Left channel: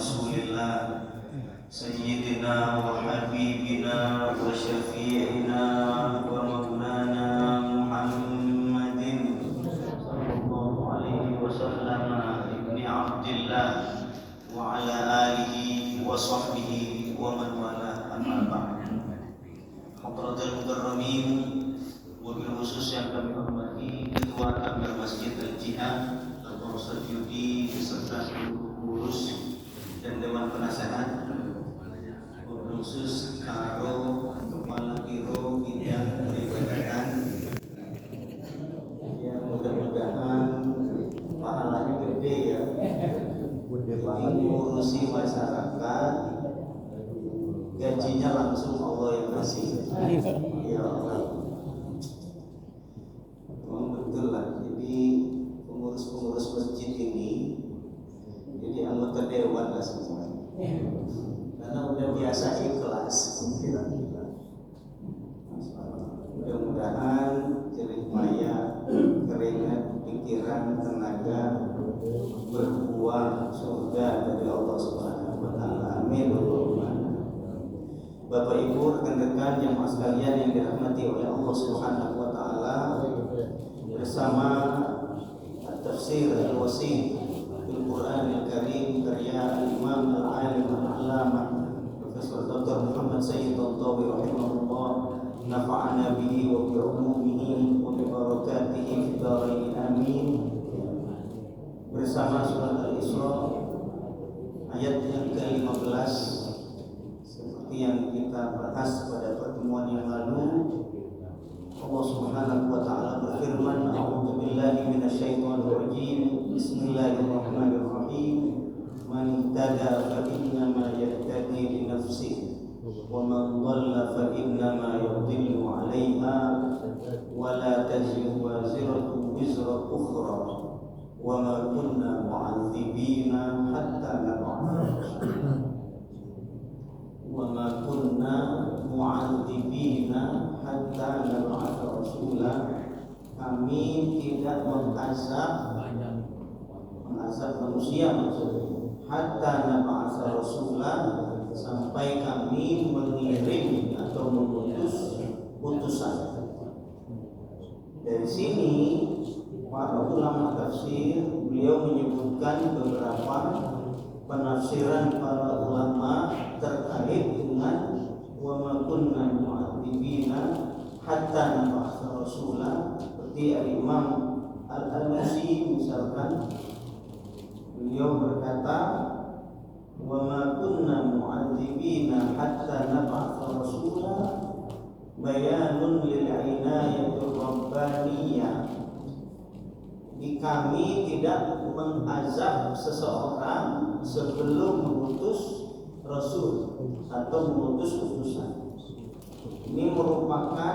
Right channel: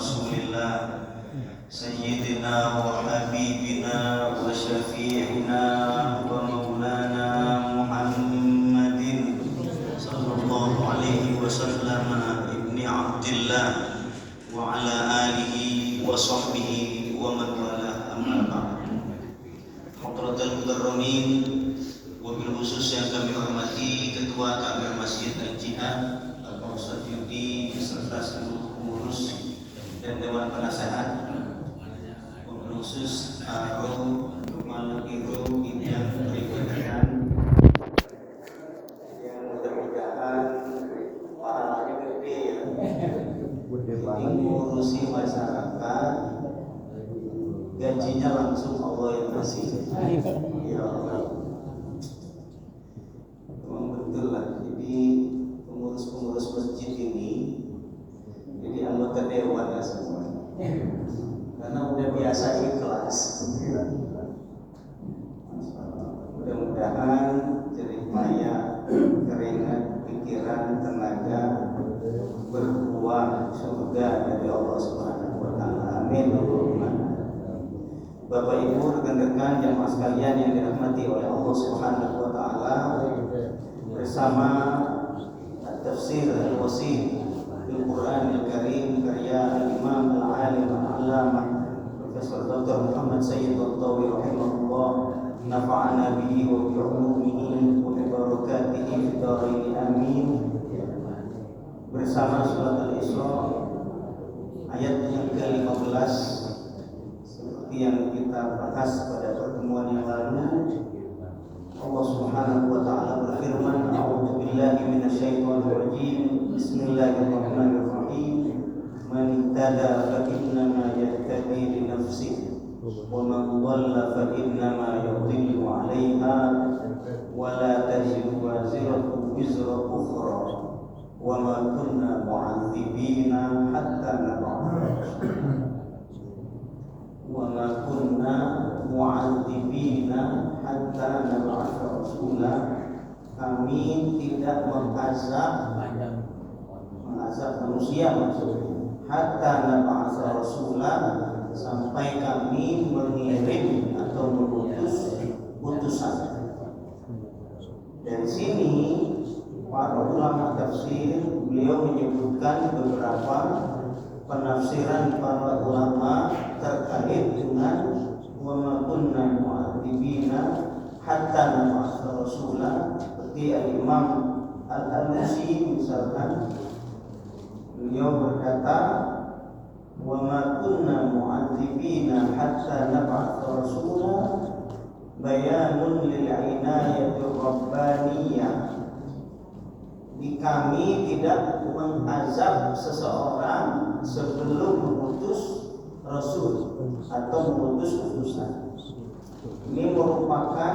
Rasulillah Sayyidina wa Habibina wa Syafi'ina wa Maulana Muhammadin Sallallahu alaihi wasallam Ibni Abdillah wa ala alihi wa sahbihi wa man wala amma ba'd. Hadratul mukarramin, wabil khusus yang kami hormati Ketua Kabir Masjid Al-Jihad Bapak Ustaz Yudi beserta seluruh pengurus dan Dewan Penasehat, wabil khusus Aro Malam Hiro Bidang Perikanan yang mudah-mudahan pahalanya gede ya, mengurusi masyarakat, gajinya langsung Allah yang kasih. Ya Allah, betul lah. Jadi pengurus-pengurus masjid ini jadi anggota dewan lah semua, karena udah biasa ikhlas. Mudah-mudahan jerih payah, keringat, pikiran, tenaga berbuah surga dari Allah Subhanahu wa taala. Amin. Bapak Ibu rekan-rekan yang sekalian yang dirahmati oleh Allah Subhanahu wa taala, bersama tafsir al-wasit bil Quran al-Karim karya al-Imam al-Alim al-Allamah Profesor Dr. Muhammad Sayyid Al-Tawi rahimahullah, nafa'ana bihi wa bi ulumihi wa bi barakatihi fid dharain amin. Bersama surat Al-Isra ayat yang ke-15 seperti yang kita bahas pada pertemuan yang lalu. Allah Subhanahu wa taala berfirman, a'udzu billahi minasyaitonir rajim. Bismillahirrahmanirrahim. Man ihtada fa innama yahtadi li nafsihi wa man dhalla fa innama yadhillu 'alaiha wa la taziru waziratun wizra ukhra wa ma kunna mu'adzibina hatta nab'atha wa ma kunna mu'adzibina hatta nab'atha rasula. Kami tidak mengazab manusia maksudnya, hatta nab'atha rasula, sampai kami mengirim atau mengutus utusan. Dari sini para ulama tafsir beliau menyebutkan beberapa penafsiran para ulama terkait dengan wa ma kunna mu'adzibina hatta nab'atha rasula. Seperti Imam Al-Alusi misalkan, beliau berkata wa ma kunna mu'adzibina hatta nab'atha rasula bayanun lil inayati rabbaniyah. Di kami tidak mengazab seseorang sebelum mengutus rasul atau mengutus utusan. Ini merupakan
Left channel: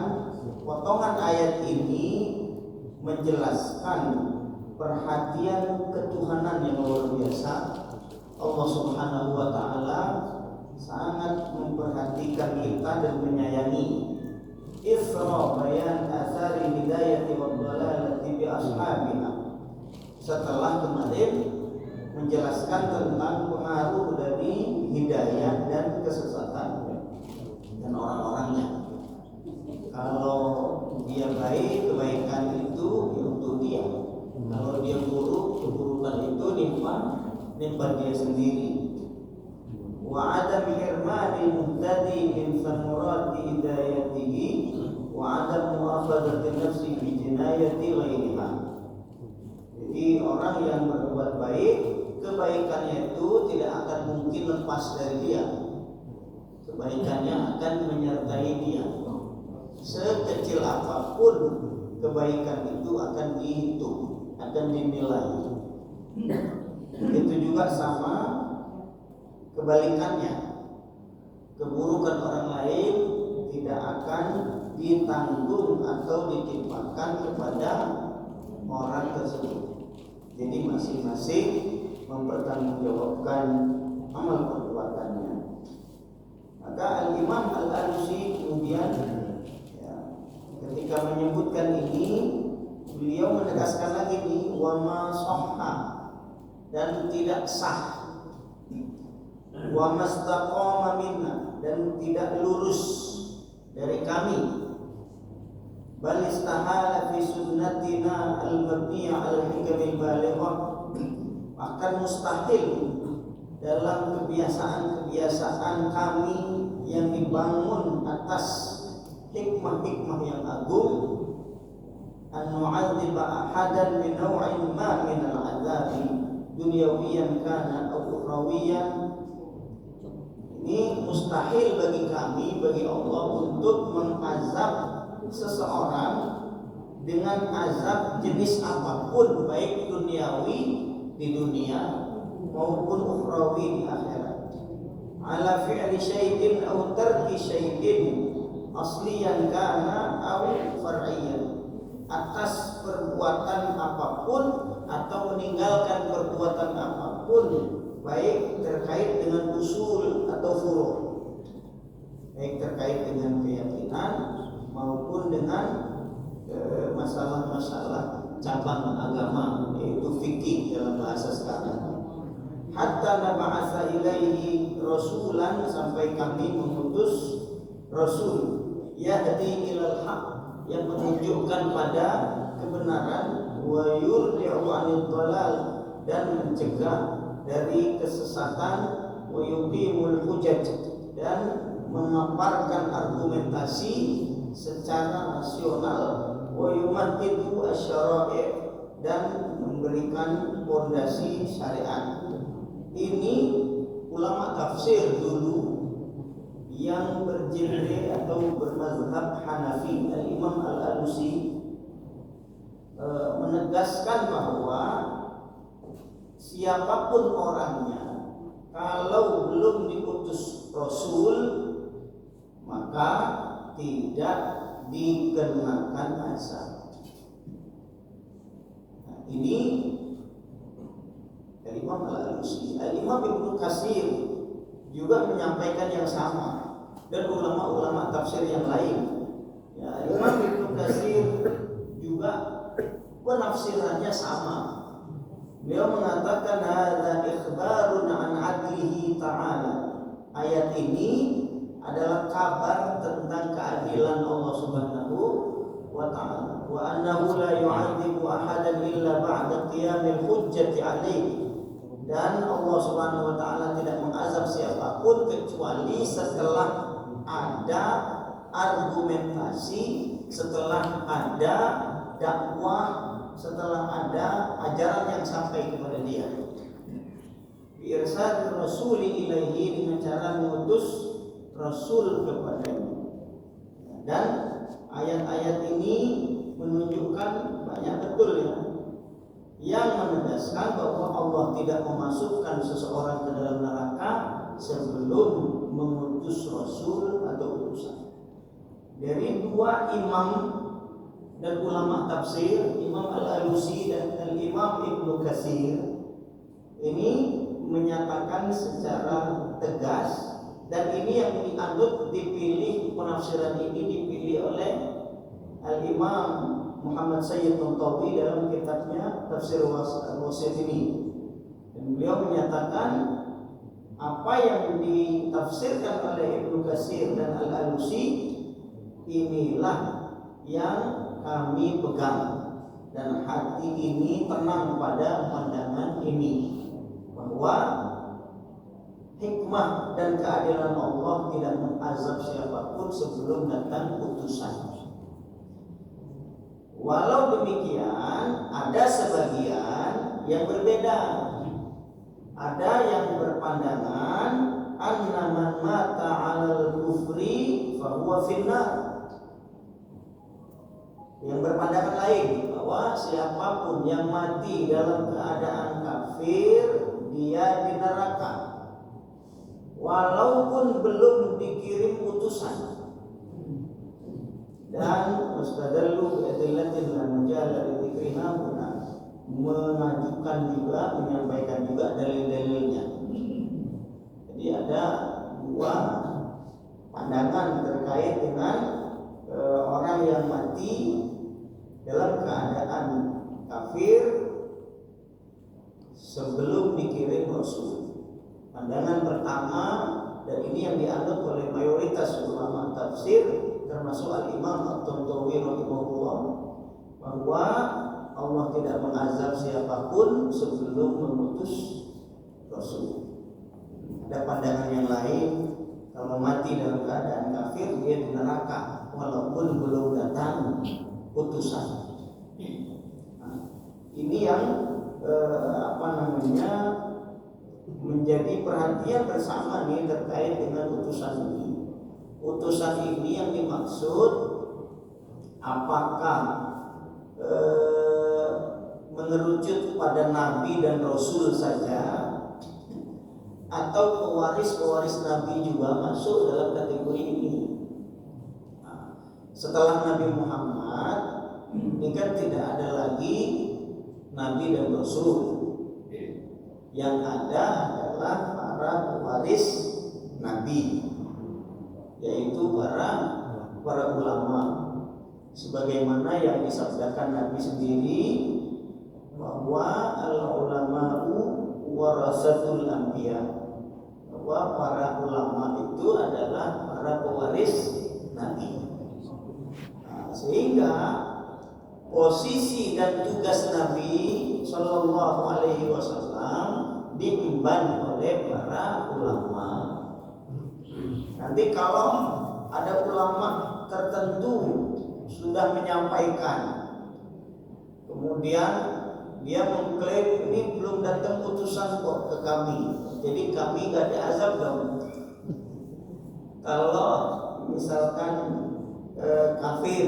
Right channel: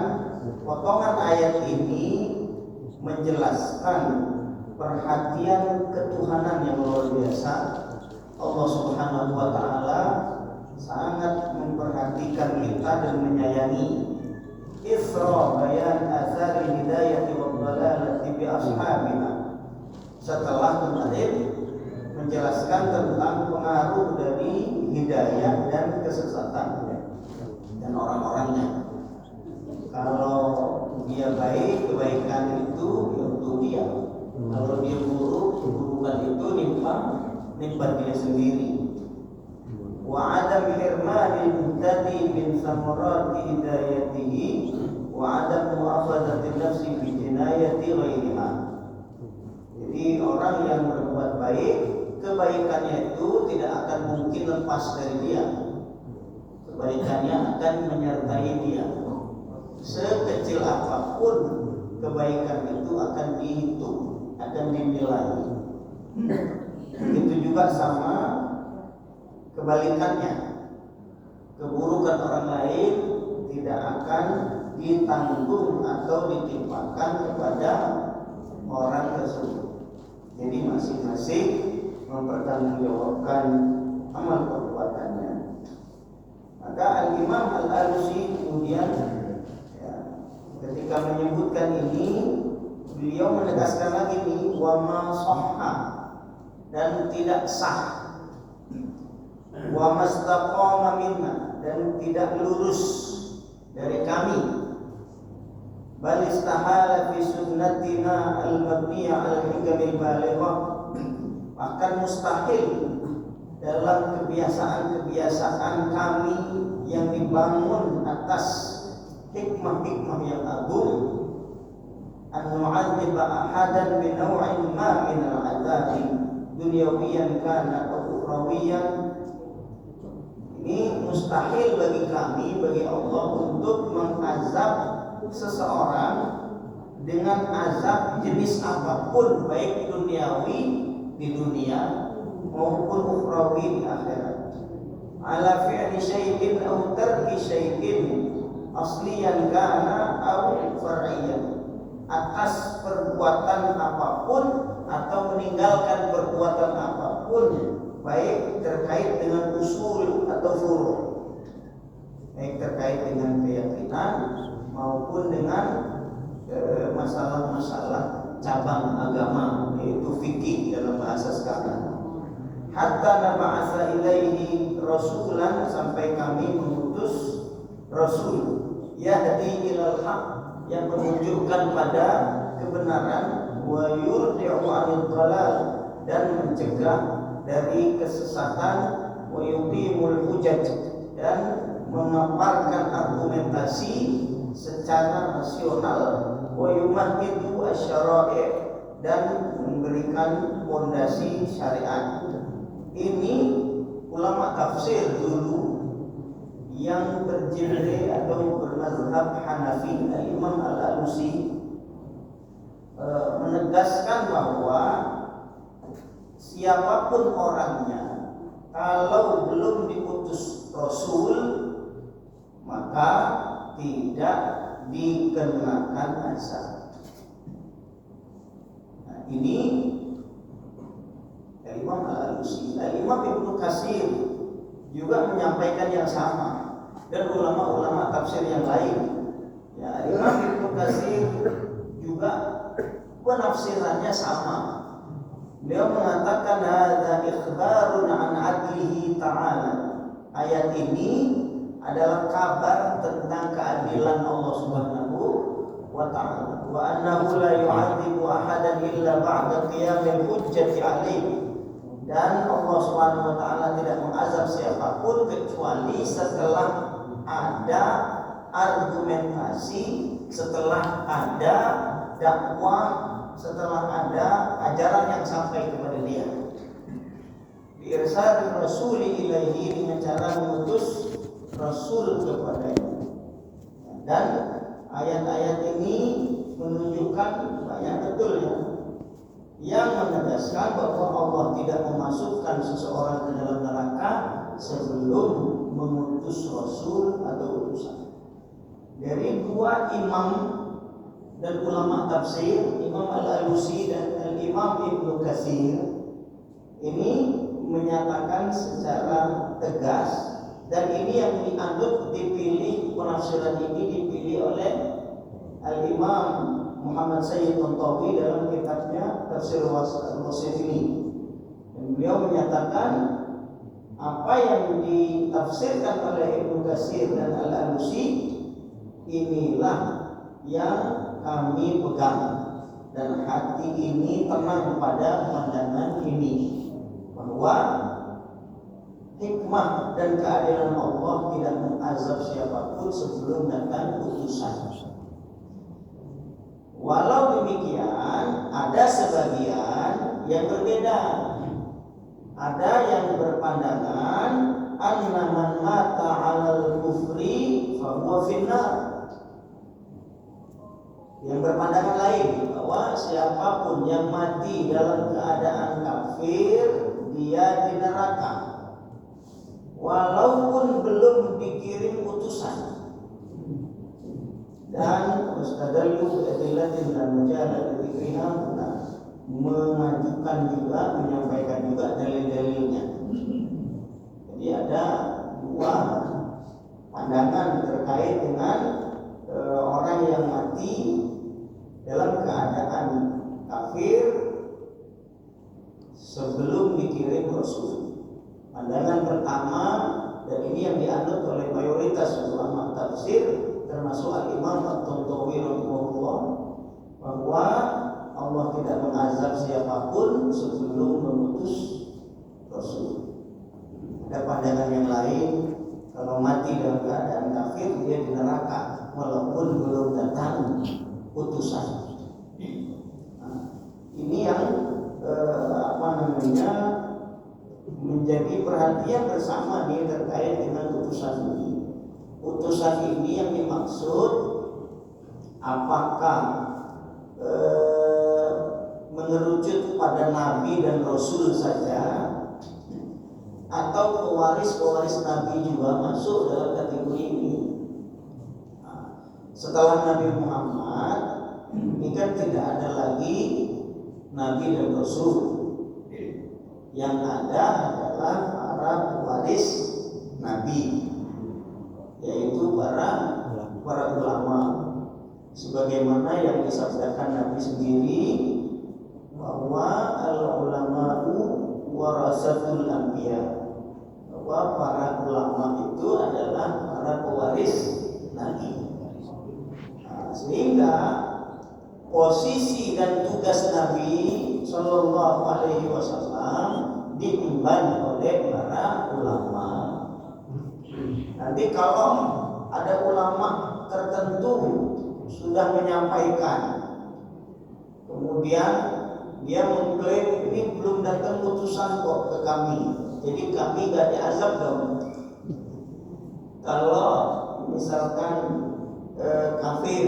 potongan ayat ini menjelaskan perhatian ketuhanan yang luar biasa. Allah Subhanahu wa taala sangat memperhatikan kita dan menyayangi. Ifra bayan athari hidayati wa dhalalati bi ashabina. Setelah kemarin menjelaskan tentang pengaruh dari hidayah dan kesesatan dan orang-orangnya. Kalau dia baik, kebaikan itu untuk dia. Kalau dia buruk, keburukan itu nimpa dia sendiri. Wa adam hirmanil muhtadi min samarati hidayatihi wa adam mu'akhadati nafsi bi jinayati ghairiha. Jadi orang yang berbuat baik, kebaikannya itu tidak akan mungkin lepas dari dia. Kebaikannya akan menyertai dia. Sekecil apapun kebaikan itu akan dihitung, akan dinilai. Itu juga sama kebalikannya. Keburukan orang lain tidak akan ditanggung atau ditimpakan kepada orang tersebut. Jadi masing-masing mempertanggungjawabkan amal perbuatannya. Maka Al-Imam Al-Alusi kemudian ketika menyebutkan ini, beliau menegaskan lagi nih, wa ma sahha, dan tidak sah. wa mastaqama minna, dan tidak lurus dari kami, bal istahala fi sunnatina al-mabniyah al-hikamil balighah, akan mustahil dalam kebiasaan-kebiasaan kami yang dibangun atas hikmah-hikmah yang agung, an nu'adziba ahadan bi naw'in ma min al-'adzabi dunyawiyan kana aw ukhrawiyan. Ini mustahil bagi kami, bagi Allah, untuk mengazab seseorang dengan azab jenis apapun, baik duniawi di dunia maupun ukhrawi di akhirat, ala fi'li syai'in aw tarki syai'in asliyan kana aw far'iyyan, atas perbuatan apapun atau meninggalkan perbuatan apapun, baik terkait dengan usul atau furu', baik terkait dengan keyakinan maupun dengan masalah-masalah cabang agama, yaitu fikih dalam bahasa sekarang. Hatta nab'atsa ilaihi rasulan, sampai kami mengutus rasul, yahdi ilal haq, yang menunjukkan pada kebenaran, wa yurdi'u 'anil dhalal, dan mencegah dari kesesatan, wa yuqimul hujaj, dan memaparkan argumentasi secara rasional, wa yumahhidu asy-syara'i', dan memberikan fondasi syariat. Ini ulama tafsir dulu yang bergenre atau bermazhab Hanafi, Al-Imam Al-Alusi, menegaskan bahwa siapapun orangnya, kalau belum diutus Rasul, maka tidak dikenakan azab. Nah, ini Imam Al-Alusi. Imam Ibnu Katsir juga menyampaikan yang sama, dan ulama-ulama tafsir yang lain. Ya, Imam Ibnu Katsir juga penafsirannya sama. Beliau mengatakan hadza ikhbarun an 'adlihi ta'ala. Ayat ini adalah kabar tentang keadilan Allah Subhanahu wa ta'ala, wa annahu la yu'adzibu ahadan illa ba'da qiyamil hujjati 'alaihi, dan Allah Subhanahu wa ta'ala tidak mengazab siapapun kecuali setelah ada argumentasi, setelah ada dakwah, setelah ada ajaran yang sampai kepada dia. Irsal Rasul ilaihi, dengan cara mengutus Rasul kepadanya. Dan ayat-ayat ini menunjukkan banyak betul yang menegaskan bahwa Allah tidak memasukkan seseorang ke dalam neraka sebelum mengutus Rasul atau utusan. Dari dua imam dan ulama tafsir, Imam Al-Alusi dan Al-Imam Ibnu Katsir, ini menyatakan secara tegas, dan ini yang dianut dipilih, penafsiran ini dipilih oleh Al-Imam Muhammad Sayyid Tantawi dalam kitabnya Tafsir Al-Wasif ini. Dan beliau menyatakan apa yang ditafsirkan oleh Ibnu Katsir dan Al-Alusi inilah yang kami pegang, dan hati ini tenang pada pandangan ini, bahwa hikmah dan keadilan Allah tidak mengazab siapapun sebelum datang utusan. Walau demikian, ada sebagian yang berbeda. Ada yang berpandangan anna man mata 'alal kufri fa huwa finnar. Yang berpandangan lain, bahwa siapapun yang mati dalam keadaan kafir, dia di neraka, walaupun belum dikirim utusan. Dan mustadallu bi'adillatin dan majalah dzikriha, mengajukan juga, menyampaikan juga dalil-dalilnya. Jadi ada dua pandangan terkait dengan orang yang mati dalam keadaan kafir sebelum dikirim Rasul. Pandangan pertama, dan ini yang dianut oleh mayoritas ulama tafsir termasuk Al-Imam At-Tantawi rahimahullah, bahwa Allah tidak mengazab siapapun sebelum mengutus Rasul. Ada pandangan yang lain, kalau mati dalam keadaan kafir dia di neraka walaupun belum datang putusan. Nah, ini yang menjadi perhatian bersama nih terkait dengan putusan ini. Putusan ini yang dimaksud apakah mengerucut pada nabi dan rasul saja, atau pewaris-pewaris nabi juga masuk dalam kategori ini. Nah, setelah Nabi Muhammad ini kan tidak ada lagi nabi dan rasul. Yang ada adalah para pewaris nabi, yaitu para ulama, sebagaimana yang disabdakan Nabi sendiri bahwa al-ulama'u warasatul anbiya, bahwa para ulama itu adalah para pewaris nabi. Nah, sehingga posisi dan tugas Nabi Shallallahu Alaihi Wasallam diemban oleh para ulama. Nanti kalau ada ulama tertentu sudah menyampaikan, kemudian dia mengklaim ini belum datang putusan kok ke kami, jadi kami gak diazab dong. Kalau misalkan kafir,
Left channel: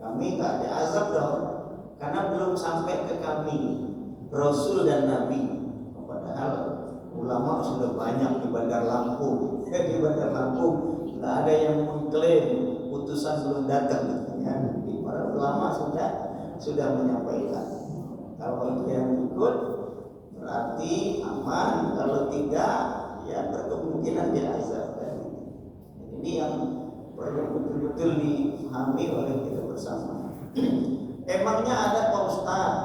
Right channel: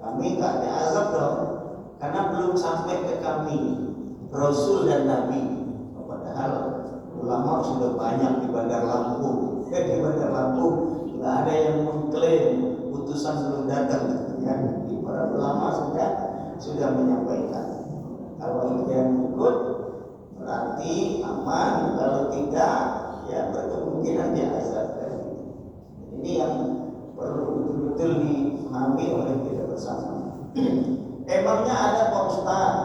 kami gak diazab dong, karena belum sampai ke kami Rasul dan Nabi. Padahal ulama sudah banyak di Bandar Lampung. Di Bandar Lampung nggak ada yang mengklaim putusan belum datang. Ya, para ulama sudah menyampaikan. Kalau itu yang ikut berarti aman. Kalau tidak, ya berkemungkinan dia azab. Ini yang perlu betul-betul dipahami oleh kita bersama. Emangnya ada Pak Ustaz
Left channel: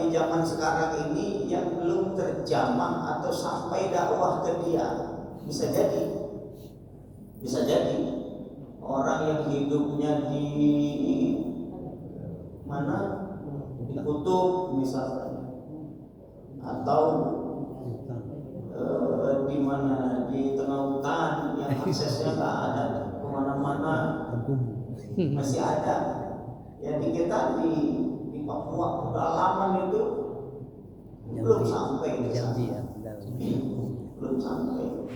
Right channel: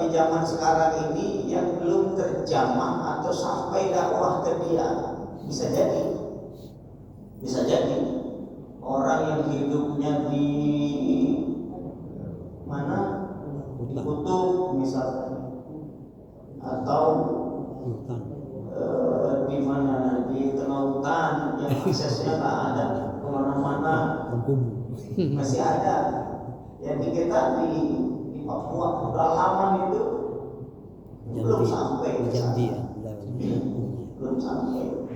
di zaman sekarang ini yang belum terjamah atau sampai dakwah ke dia? Bisa jadi orang yang hidupnya di mana, di kutub misalnya, atau di mana, di tengah hutan yang aksesnya nggak ada kemana-mana, masih ada. Ya di kita di Papua pedalaman itu belum sampai, belum sampai.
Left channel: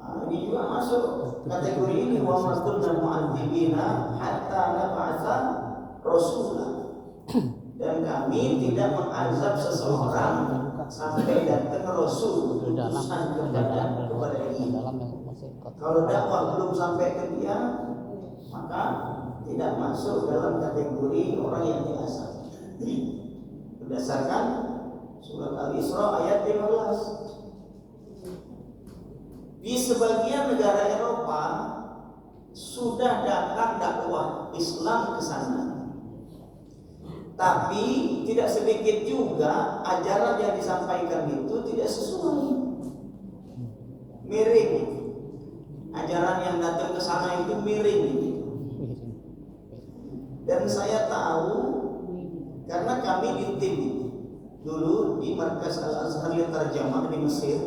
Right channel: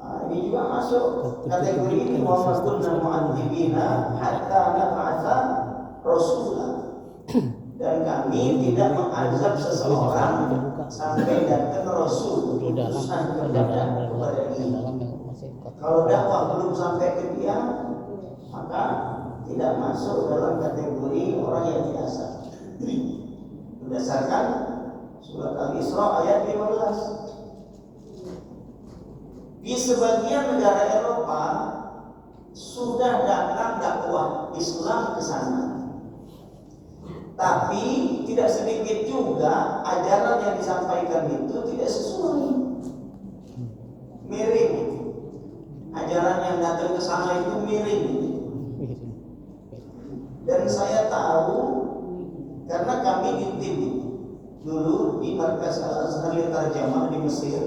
Nah, ini juga masuk kategori ini, walaupun mu'adzibina hatta nab'atsa rasulah, dan kami tidak mengazab seseorang sampai datang rasul. Kalau dakwah belum sampai ke dia, maka tidak masuk dalam kategori orang yang diazab. Berdasarkan surat Al-Isra ayat 15. Di sebagian negara Eropa sudah datang dakwah Islam ke sana, tapi tidak sedikit juga ajaran yang disampaikan itu tidak sesuai, miring. Ajaran yang datang ke sana itu miring. Dan saya tahu karena kami di tim dulu di Markas Al-Azhar Terjemah di Mesir.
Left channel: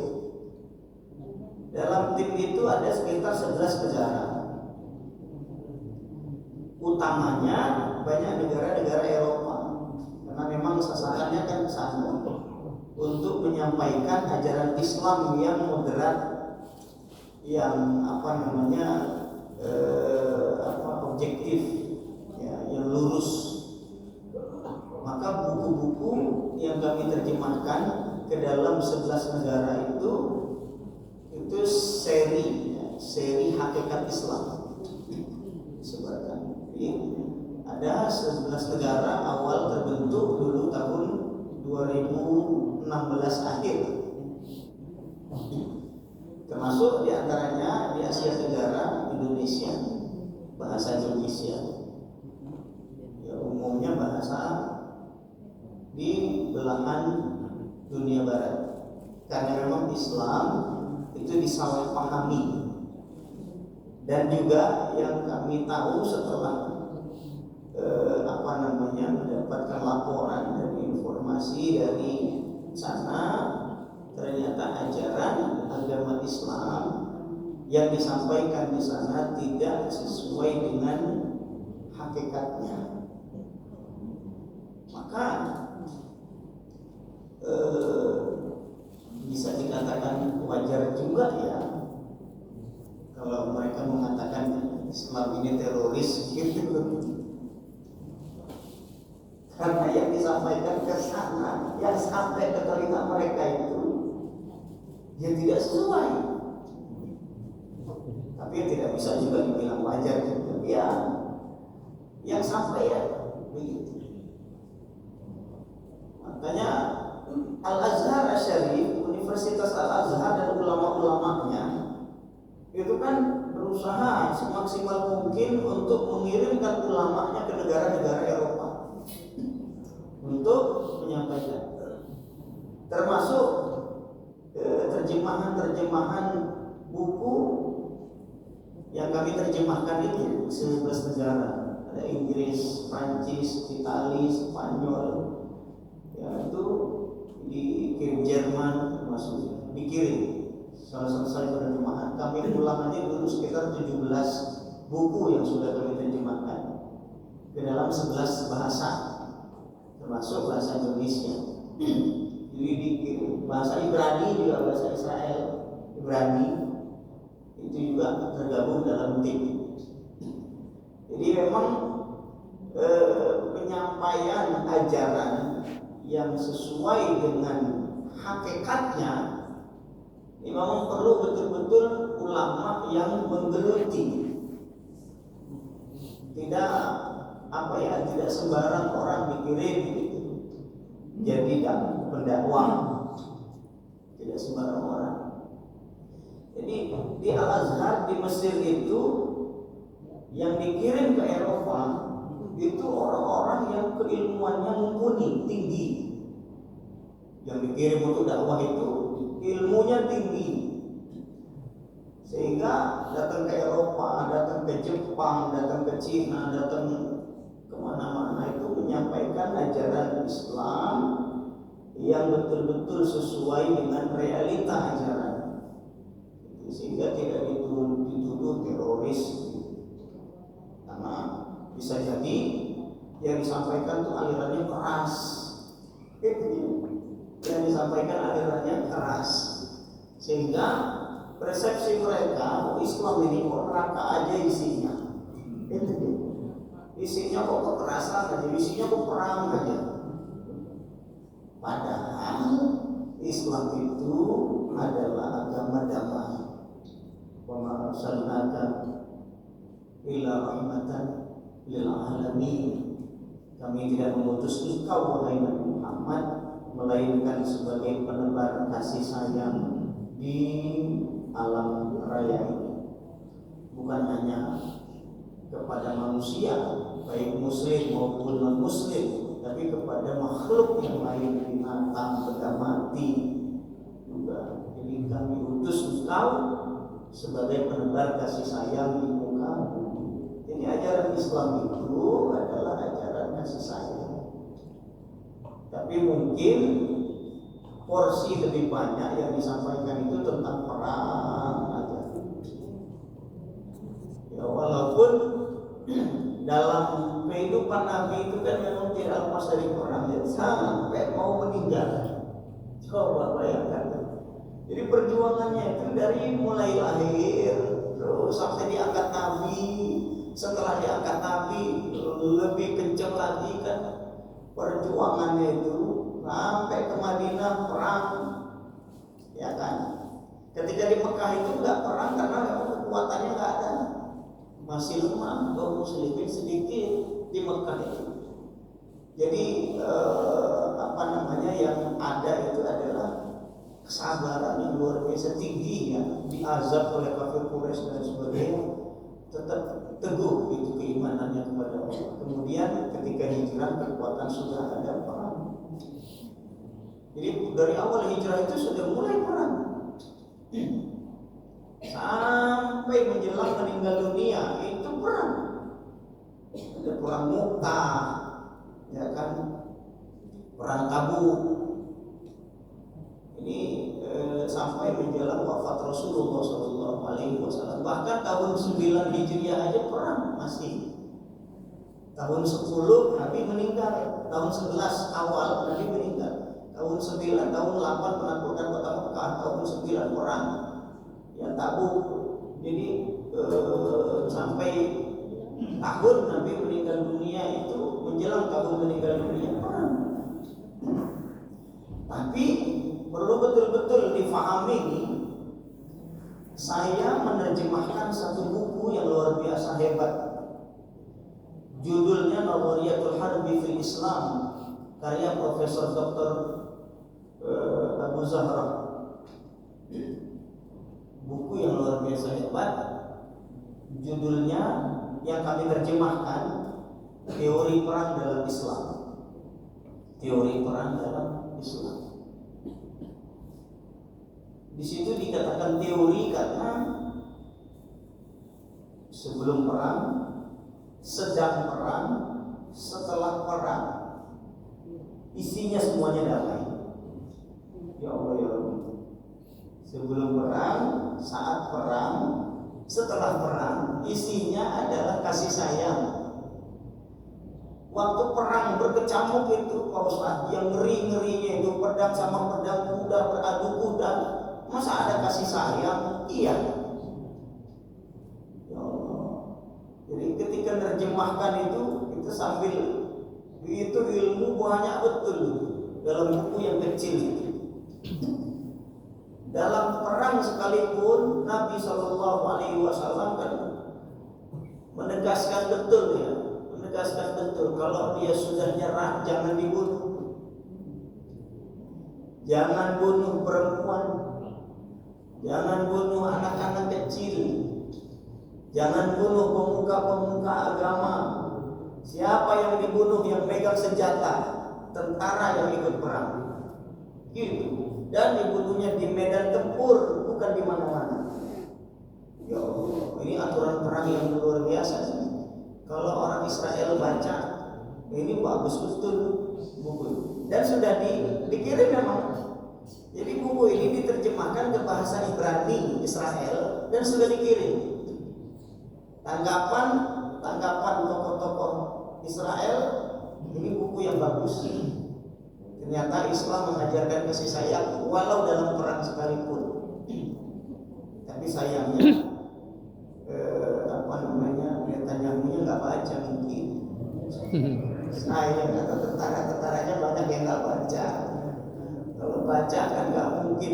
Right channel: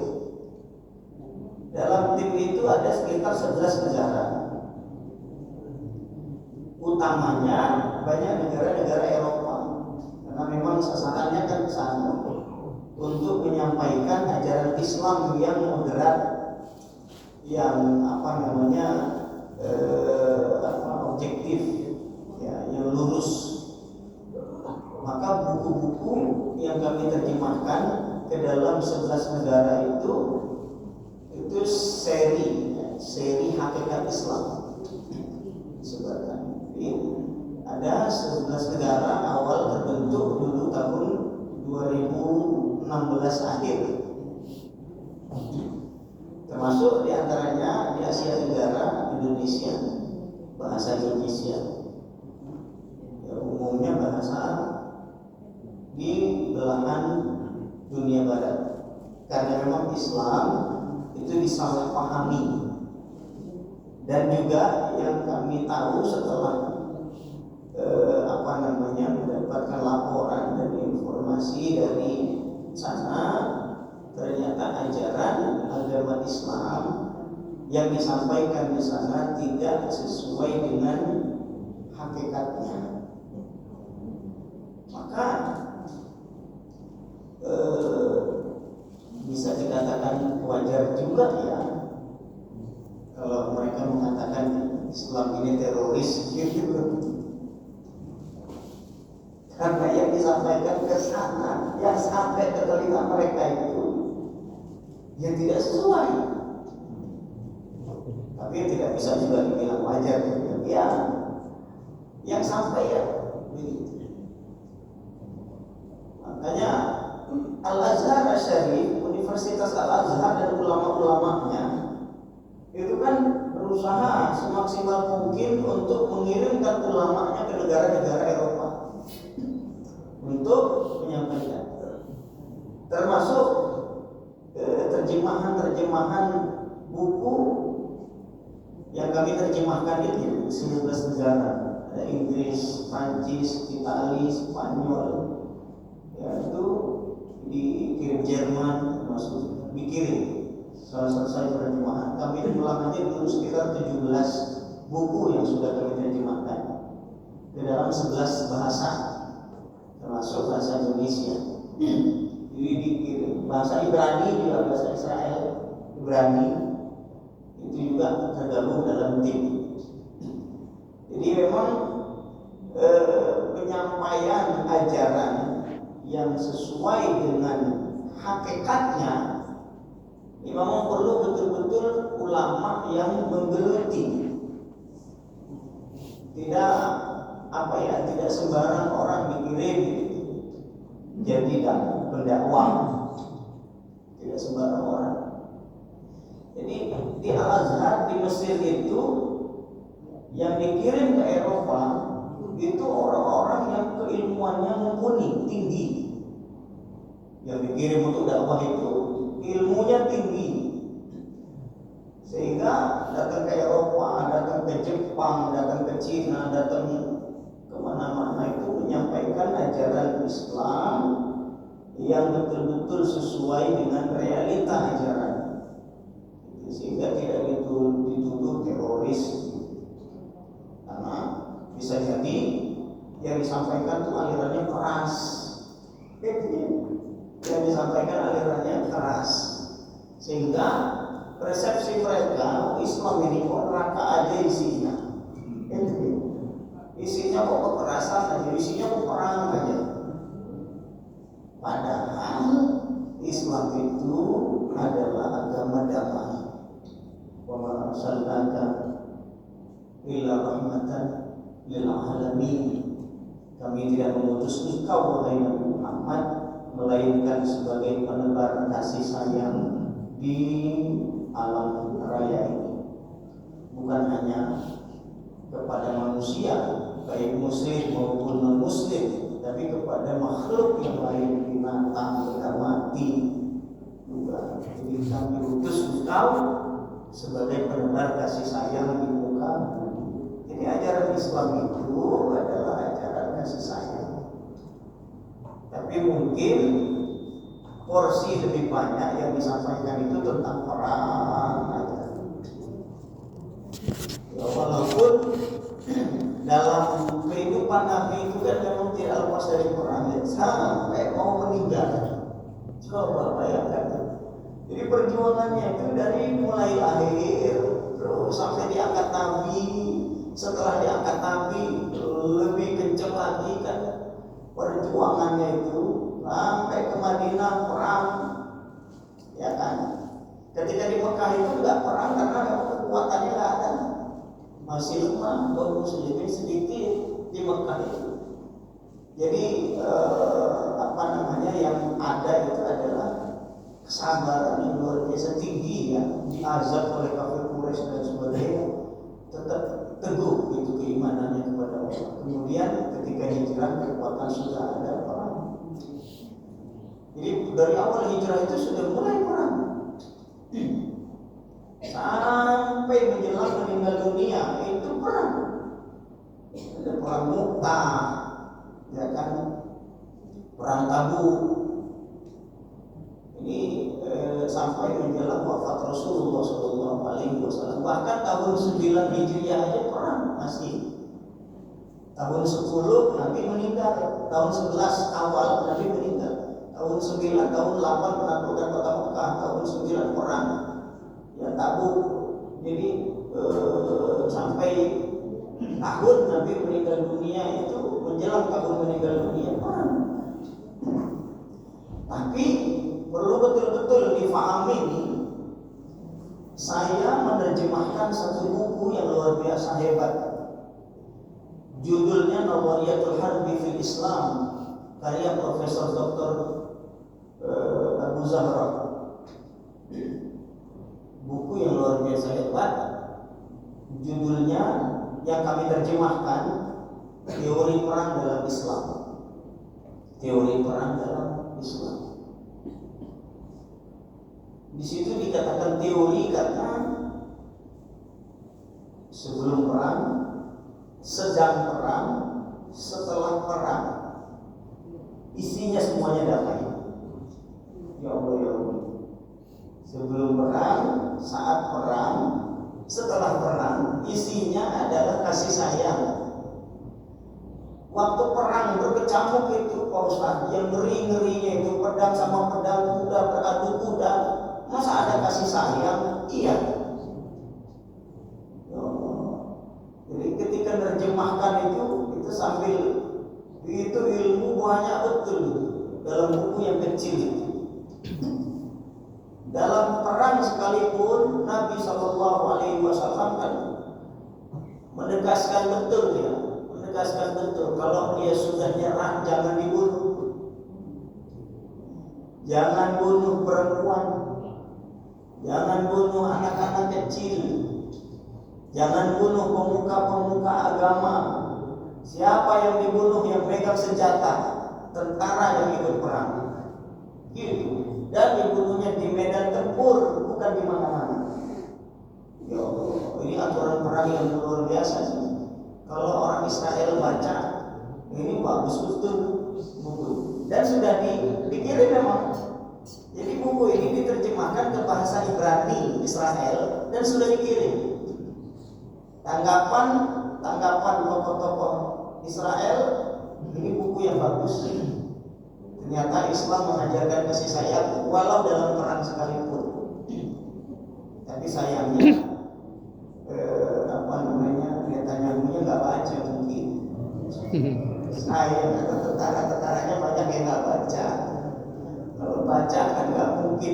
Dalam tim itu ada sekitar 11 negara. Utamanya banyak negara-negara Eropa, karena memang sasarannya kan ke sana untuk menyampaikan ajaran Islam yang moderat, yang objektif, ya, yang lurus. Maka buku-buku yang kami terjemahkan ke dalam 11 negara itu seri hakikat Islam. Sebenarnya ada 11 negara awal terbentuk dulu tahun 2016 akhir, termasuk diantaranya di Asia Tenggara, Indonesia, bahasa Indonesia. Ya, umumnya bahasa di belahan dunia barat. karena memang Islam itu disalahpahami. Dan juga yang kami tahu setelah mendapatkan laporan dan informasi dari sana, ternyata ajaran agama Islam yang disampaikan di sana tidak sesuai dengan hakikatnya. Maka bisa dikatakan wajar juga ya kalau mereka mengatakan Islam ini teroris gitu. Karena yang disampaikan ke sana, yang sampai ke telinga mereka itu ya tidak sesuai. Tapi tidak bisa juga dibilang wajar ya. Yang sampai ya begitu. Makanya Al-Azhar Syarif, Universitas Al-Azhar dan ulama-ulamanya itu kan berusaha semaksimal mungkin untuk mengirimkan ulamanya ke negara-negara Eropa untuk menyampaikan, termasuk terjemahan buku yang kami terjemahkan ini 19 negara, ada Inggris, Prancis, Italia, Spanyol, ya itu dikirim Jerman, termasuk dikirim. Setelah selesai terjemahan, kami ulangannya dulu sekitar 17 buku yang sudah kami terjemahkan ke dalam 11 bahasa, termasuk bahasa Indonesia. Jadi dikirim bahasa Ibrani juga, bahasa Israel, Ibrani itu juga tergabung dalam tim. Jadi memang penyampaian ajaran yang sesuai dengan hakikatnya ini memang perlu betul-betul ulama yang menggeluti. Tidak sembarang orang dikirim gitu. Jadi pendakwah. Tidak sembarang orang. Jadi di Al-Azhar di Mesir itu yang dikirim ke Eropa itu orang-orang yang keilmuannya mumpuni, tinggi. Yang dikirim untuk dakwah itu ilmunya tinggi, sehingga datang ke Eropa, datang ke Jepang, datang ke Cina, datang kemana-mana itu menyampaikan ajaran Islam yang betul-betul sesuai dengan realita ajaran, sehingga tidak dituduh teroris, karena bisa jadi yang disampaikan itu alirannya keras. Yang disampaikan alirannya keras, sehingga persepsi mereka Islam ini kok neraka aja isinya, isinya kok kekerasan aja, isinya kok perang aja. Padahal Islam itu adalah agama damai. Wa ma arsalnaka illa rahmatan lil alamin. Kami tidak mengutus engkau wahai Nabi Muhammad melainkan sebagai penebar kasih sayang di alam raya ini, bukan hanya kepada manusia baik muslim maupun non muslim, tapi kepada makhluk yang lain, binatang, benda mati juga. Jadi kami utus engkau sebagai penebar kasih sayang di muka bumi. Jadi ajaran Islam itu adalah ajaran kasih sayang. Tapi mungkin porsi lebih banyak yang disampaikan itu tentang perang aja. Ya, walaupun dalam kehidupan Nabi itu kan memang tidak lepas dari perang ya, sampai mau meninggal. Coba bayangkan. Jadi perjuangannya itu dari mulai lahir terus sampai diangkat Nabi. Setelah diangkat Nabi lebih kencang lagi kan perjuangannya itu sampai ke Madinah perang, ya kan? Ketika di Mekah itu nggak perang karena kekuatannya nggak ada, masih lemah, kaum muslimin sedikit di Mekah itu. Jadi yang ada itu adalah kesabaran yang luar biasa tinggi ya, diazab oleh kafir Quraisy dan sebagainya, tetap teguh itu keimanannya kepada Allah. Kemudian ketika hijrah kekuatan sudah ada perang. Jadi dari awal hijrah itu sudah mulai perang. Sampai menjelang meninggal dunia itu perang. Ada perang Mu'tah, ya kan, perang Tabuk. Ini sampai menjelang wafat Rasulullah SAW. Bahkan tahun 9 Hijriah aja perang masih. Tahun 10 Nabi meninggal, tahun 11 awal Nabi meninggal, tahun 9, tahun 8 menaklukkan kota Mekah, tahun 9 perang, ya Tabuk. Jadi sampai tahun Nabi meninggal dunia itu menjelang tahun meninggal dunia perang. Tapi perlu betul-betul difahami nih. Saya menerjemahkan satu buku yang luar biasa hebat. Judulnya Nadhariyatul Harbi fil Islam, karya Profesor Dr. Abu Zahra. Buku yang luar biasa hebat. Judulnya yang kami terjemahkan Teori Perang dalam Islam. Teori Perang dalam Islam. Di situ dikatakan teori karena sebelum perang, sedang perang, setelah perang, isinya semuanya damai. Ya Allah ya Allah. Sebelum perang, saat perang, setelah perang, isinya adalah kasih sayang. Waktu perang berkecamuk itu Pak Ustaz, yang ngeri-ngerinya itu pedang sama pedang, kuda beradu kuda, masa ada kasih sayang? Iya. Jadi ketika menerjemahkan itu sambil itu ilmu banyak betul dalam buku yang kecil itu. Dalam perang sekalipun Nabi SAW kan menegaskan betul ya, menegaskan betul kalau dia sudah nyerah jangan dibunuh, jangan bunuh perempuan, jangan bunuh anak-anak kecil, jangan bunuh pemuka-pemuka agama. Siapa yang dibunuh yang pegang senjata, tentara yang ikut perang. Gitu. Dan dibunuhnya di medan tempur, bukan di mana-mana. Ya Allah, ini aturan perang yang luar biasa sih. Kalau orang Israel baca, ini bagus betul buku. Dan sudah dikirim memang. Jadi buku ini diterjemahkan ke bahasa Ibrani Israel dan sudah dikirim. Tanggapan tokoh-tokoh Israel, ini buku yang bagus. Ternyata Islam mengajarkan kasih sayang walau dalam perang sekalipun. Tapi sayangnya Netanyahu-nya nggak baca mungkin. Sayang atau tentara-tentaranya banyak yang nggak baca. Kalau baca kan nggak mungkin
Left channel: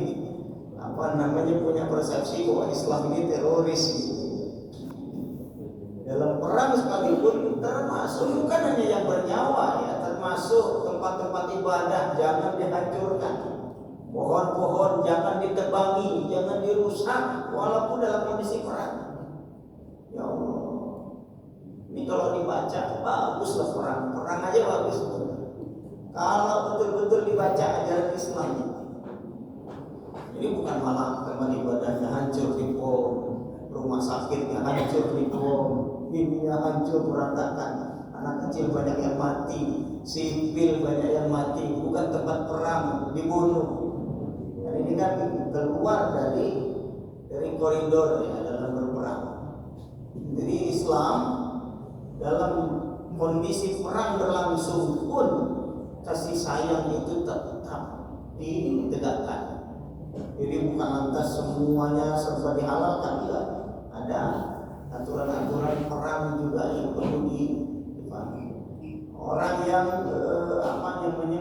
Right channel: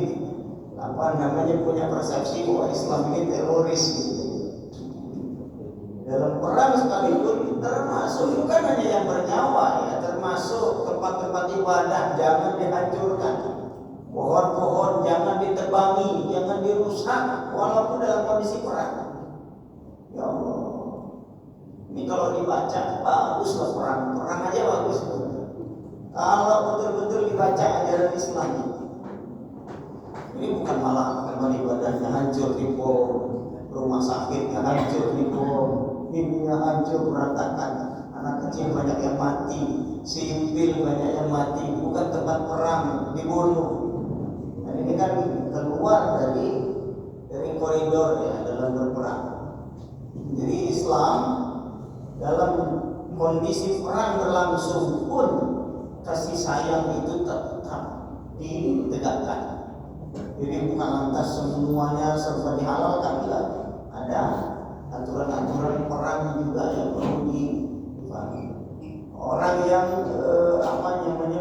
punya persepsi bahwa Islam ini teroris. Dalam perang sekalipun termasuk bukan hanya yang bernyawa ya, termasuk tempat-tempat ibadah jangan dihancurkan, pohon-pohon jangan ditebangi, jangan dirusak walaupun dalam kondisi perang. Ya Allah, ini kalau dibaca baguslah perang aja bagus. Kalau betul-betul dibaca ajaran Islam, ini bukan malah tempat ibadahnya hancur di bom, rumah sakitnya hancur di bom, dunia hancur berantakan, anak kecil banyak yang mati, sipil banyak yang mati, bukan tempat perang dibunuh. Dan ini kan keluar dari koridor ya dalam berperang. Jadi Islam dalam kondisi perang berlangsung pun kasih sayang itu tetap ditegakkan. Jadi bukan lantas semuanya serba dihalalkan, tidak. Ada aturan-aturan perang juga yang perlu dipahami. Orang yang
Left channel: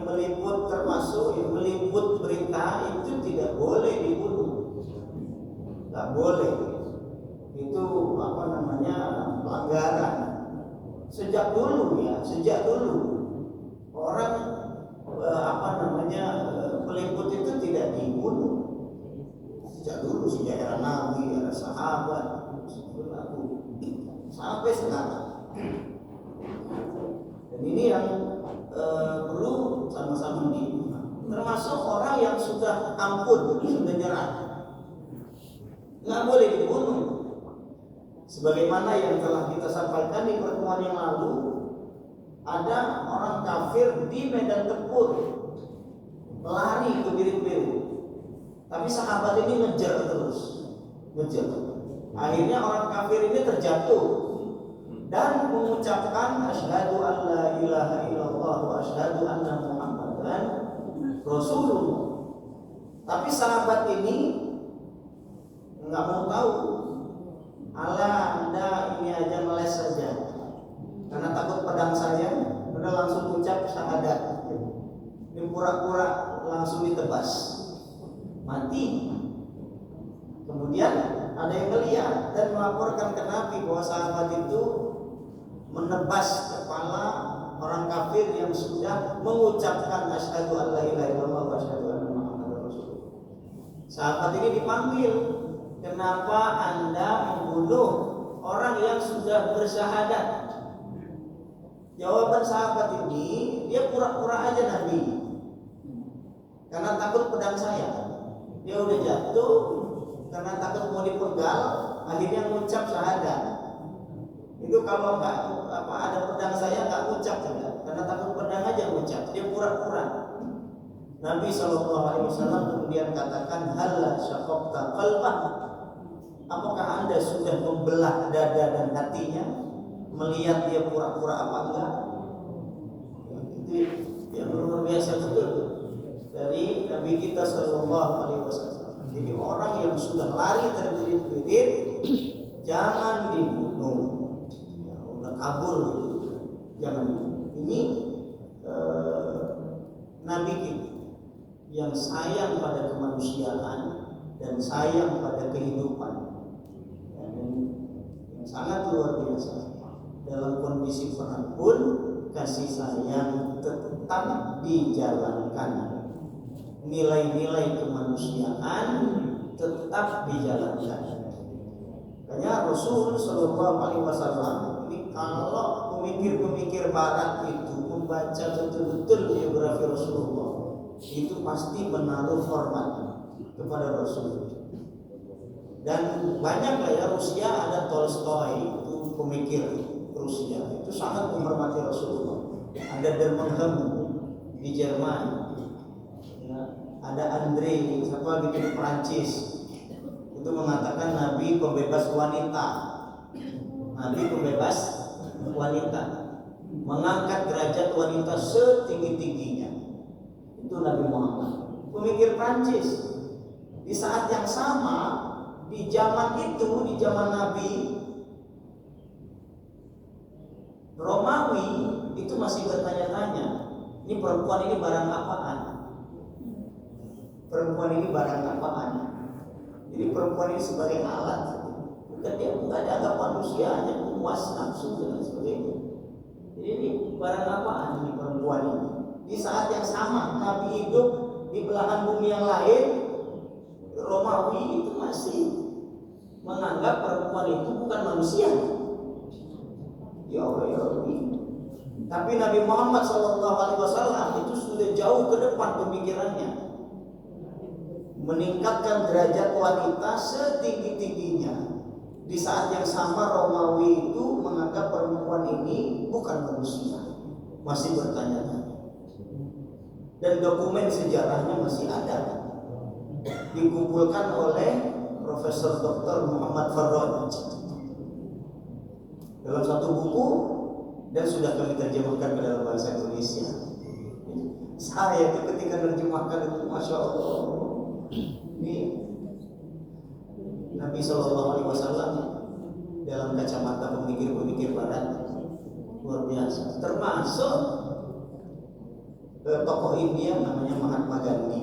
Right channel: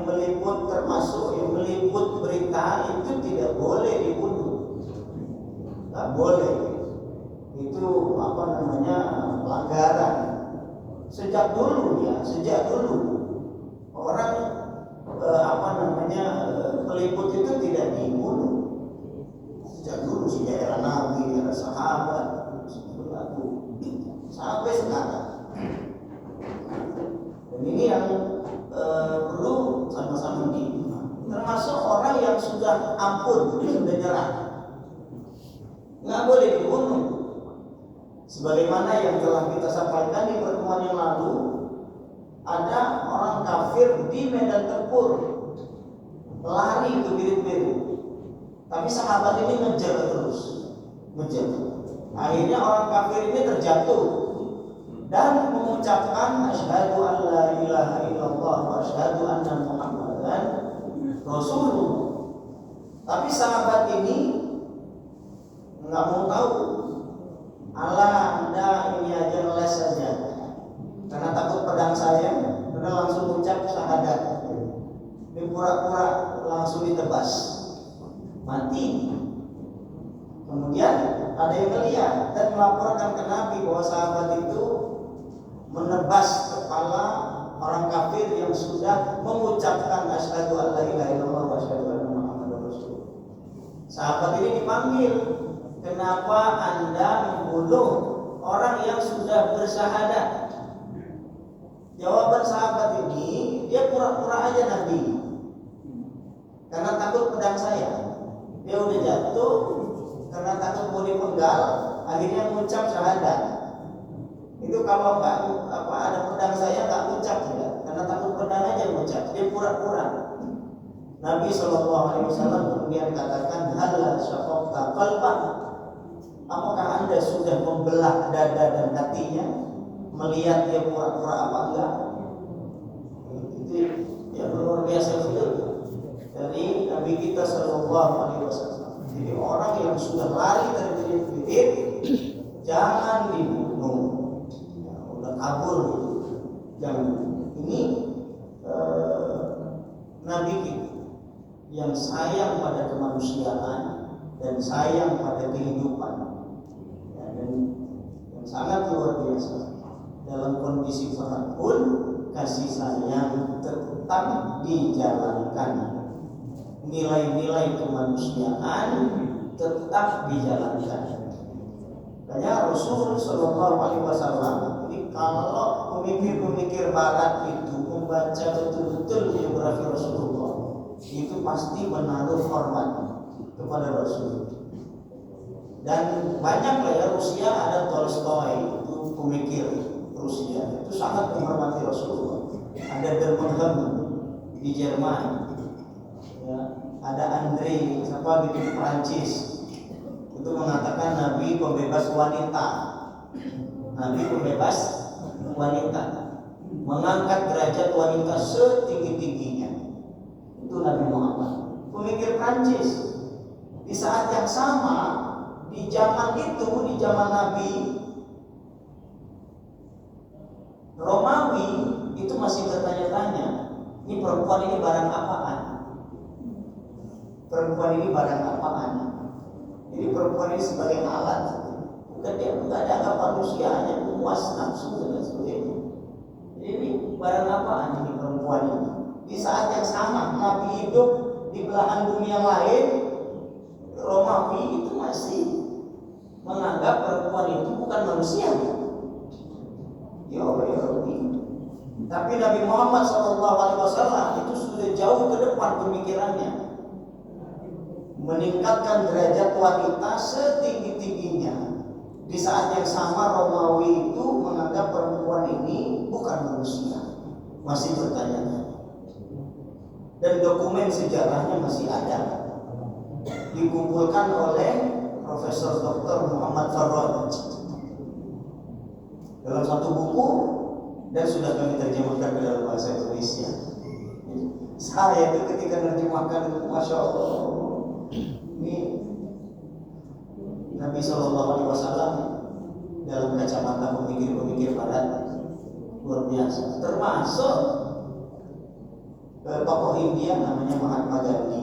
meliput, termasuk yang meliput berita itu tidak boleh dibunuh, nggak boleh. Itu pelanggaran. Sejak dulu orang peliput itu tidak dibunuh. Sejak dulu, sejak era Nabi, era sahabat, sampai sekarang. Dan ini yang perlu sama-sama termasuk orang pun dia sudah nyerah. Nggak boleh dibunuh. Sebagaimana yang telah kita sampaikan di pertemuan yang lalu, ada orang kafir di medan tempur lari ke biru-biru, tapi sahabat ini ngejar terus, ngejar. Akhirnya orang kafir ini terjatuh dan mengucapkan asyhadu an la ilaha illallah wa asyhadu anna muhammadan rasulullah. Tapi sahabat ini nggak mau tahu. Allah, Anda ini aja ngeles saja, karena takut pedang saya, udah langsung ucap syahadat. Ini pura-pura langsung ditebas, mati. Kemudian ada yang melihat dan melaporkan ke Nabi bahwa sahabat itu menebas kepala orang kafir yang sudah mengucapkan asyhadu an la ilaha illallah wa asyhadu anna muhammadar rasulullah. Sahabat ini dipanggil, kenapa Anda membunuh orang yang sudah bersyahadat? Jawaban sahabat ini, dia pura-pura aja Nabi, karena takut pedang saya. Dia udah jatuh karena takut mau dipenggal, akhirnya mengucap syahadat. Itu kalau nggak ada pedang saya nggak mengucap juga, karena takut pedang aja mengucap. Dia pura-pura. Nabi SAW kemudian katakan, hal syaqaqta qalbah, apakah Anda sudah membelah dada dan hatinya melihat dia pura-pura apa enggak? Itu yang luar biasa betul dari Nabi kita SAW. Jadi orang yang sudah lari terbirit-birit jangan dibunuh, ya, udah kabur, jangan. Ini Nabi kita yang sayang pada kemanusiaan dan sayang pada kehidupan, ya, dan yang sangat luar biasa. Dalam kondisi perang pun kasih sayang tetap dijalankan, nilai-nilai kemanusiaan tetap dijalankan. Makanya Rasul Shallallahu Alaihi Wasallam ini, kalau pemikir-pemikir Barat itu membaca betul-betul biografi Rasulullah, itu pasti menaruh hormat kepada Rasul. Dan banyak lah ya, Rusia ada Tolstoy, itu pemikir Rusia, itu sangat menghormati Rasulullah. Ada Dermenham di Jerman, ya, ada Andre siapa gitu Prancis, itu mengatakan Nabi pembebas wanita, Nabi pembebas wanita, mengangkat derajat wanita setinggi-tingginya. Itu Nabi Muhammad, pemikir Prancis. Di saat yang sama, di zaman itu, di zaman Nabi, Romawi itu masih bertanya-tanya, ini perempuan ini barang apaan? Perempuan ini barang apaan? Jadi perempuan ini sebagai alat, bukan dia bukan dianggap manusia, hanya memuas nafsu dan sebagainya. Jadi ini barang apaan ini perempuan ini? Di saat yang sama Nabi hidup di belahan bumi yang lain, Romawi itu masih menganggap perempuan itu bukan manusia. Ya Allah, ya Allah. Tapi Nabi Muhammad SAW itu sudah jauh ke depan pemikirannya, meningkatkan derajat wanita setinggi-tingginya. Di saat yang sama Romawi itu menganggap perempuan ini bukan manusia, masih bertanya. Dan dokumen sejarahnya masih ada, dikumpulkan oleh Profesor Dr. Muhammad Farod dalam satu buku, dan sudah kami terjemahkan ke dalam bahasa Indonesia. Saya itu ketika menerjemahkan itu, Masya Allah, ini Nabi SAW dalam kacamata pemikir-pemikir Barat luar biasa. Termasuk tokoh India namanya Mahatma Gandhi.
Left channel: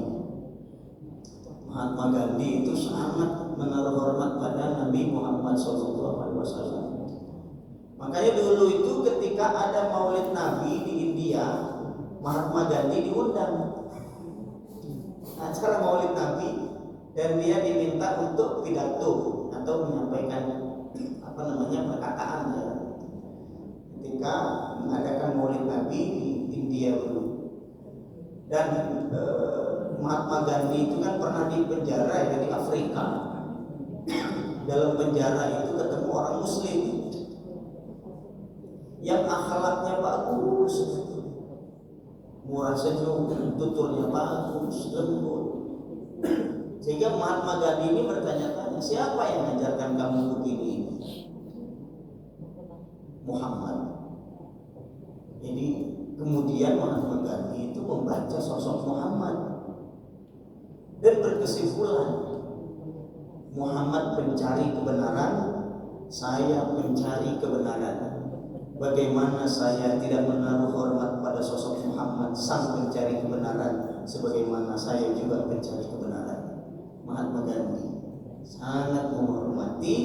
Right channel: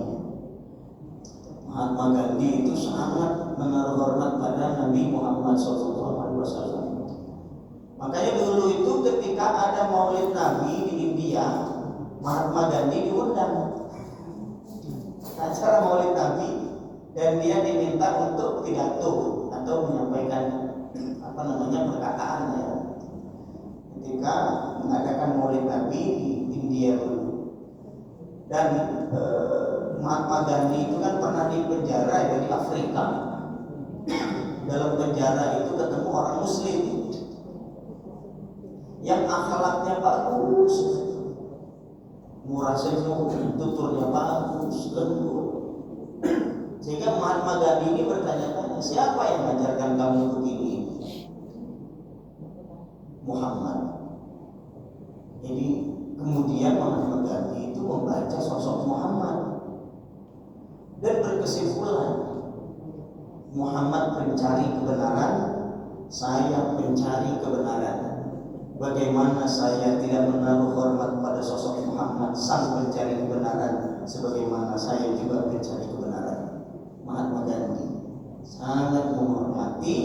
Mahatma Gandhi itu sangat menaruh hormat pada Nabi Muhammad SAW. Makanya dulu itu ketika ada Maulid Nabi di India, Mahatma Gandhi diundang acara Maulid Nabi, dan dia diminta untuk pidato atau menyampaikan perkataan ya, ketika mengadakan Maulid Nabi di India dulu. Dan Mahatma Gandhi itu kan pernah di penjara ya di Afrika. Dalam penjara itu ketemu orang Muslim yang akhlaknya bagus, murah senyum, tuturnya bagus, lembut. Sehingga Mahatma Gandhi ini bertanya-tanya, siapa yang mengajarkan kamu begini? Muhammad. Jadi kemudian Mahatma Gandhi itu membaca sosok Muhammad dan berkesimpulan, Muhammad pencari kebenaran, saya pencari kebenaran. Bagaimana saya tidak menaruh hormat pada sosok Muhammad sang pencari kebenaran, sebagaimana saya juga pencari kebenaran. Mahatma Gandhi sangat menghormati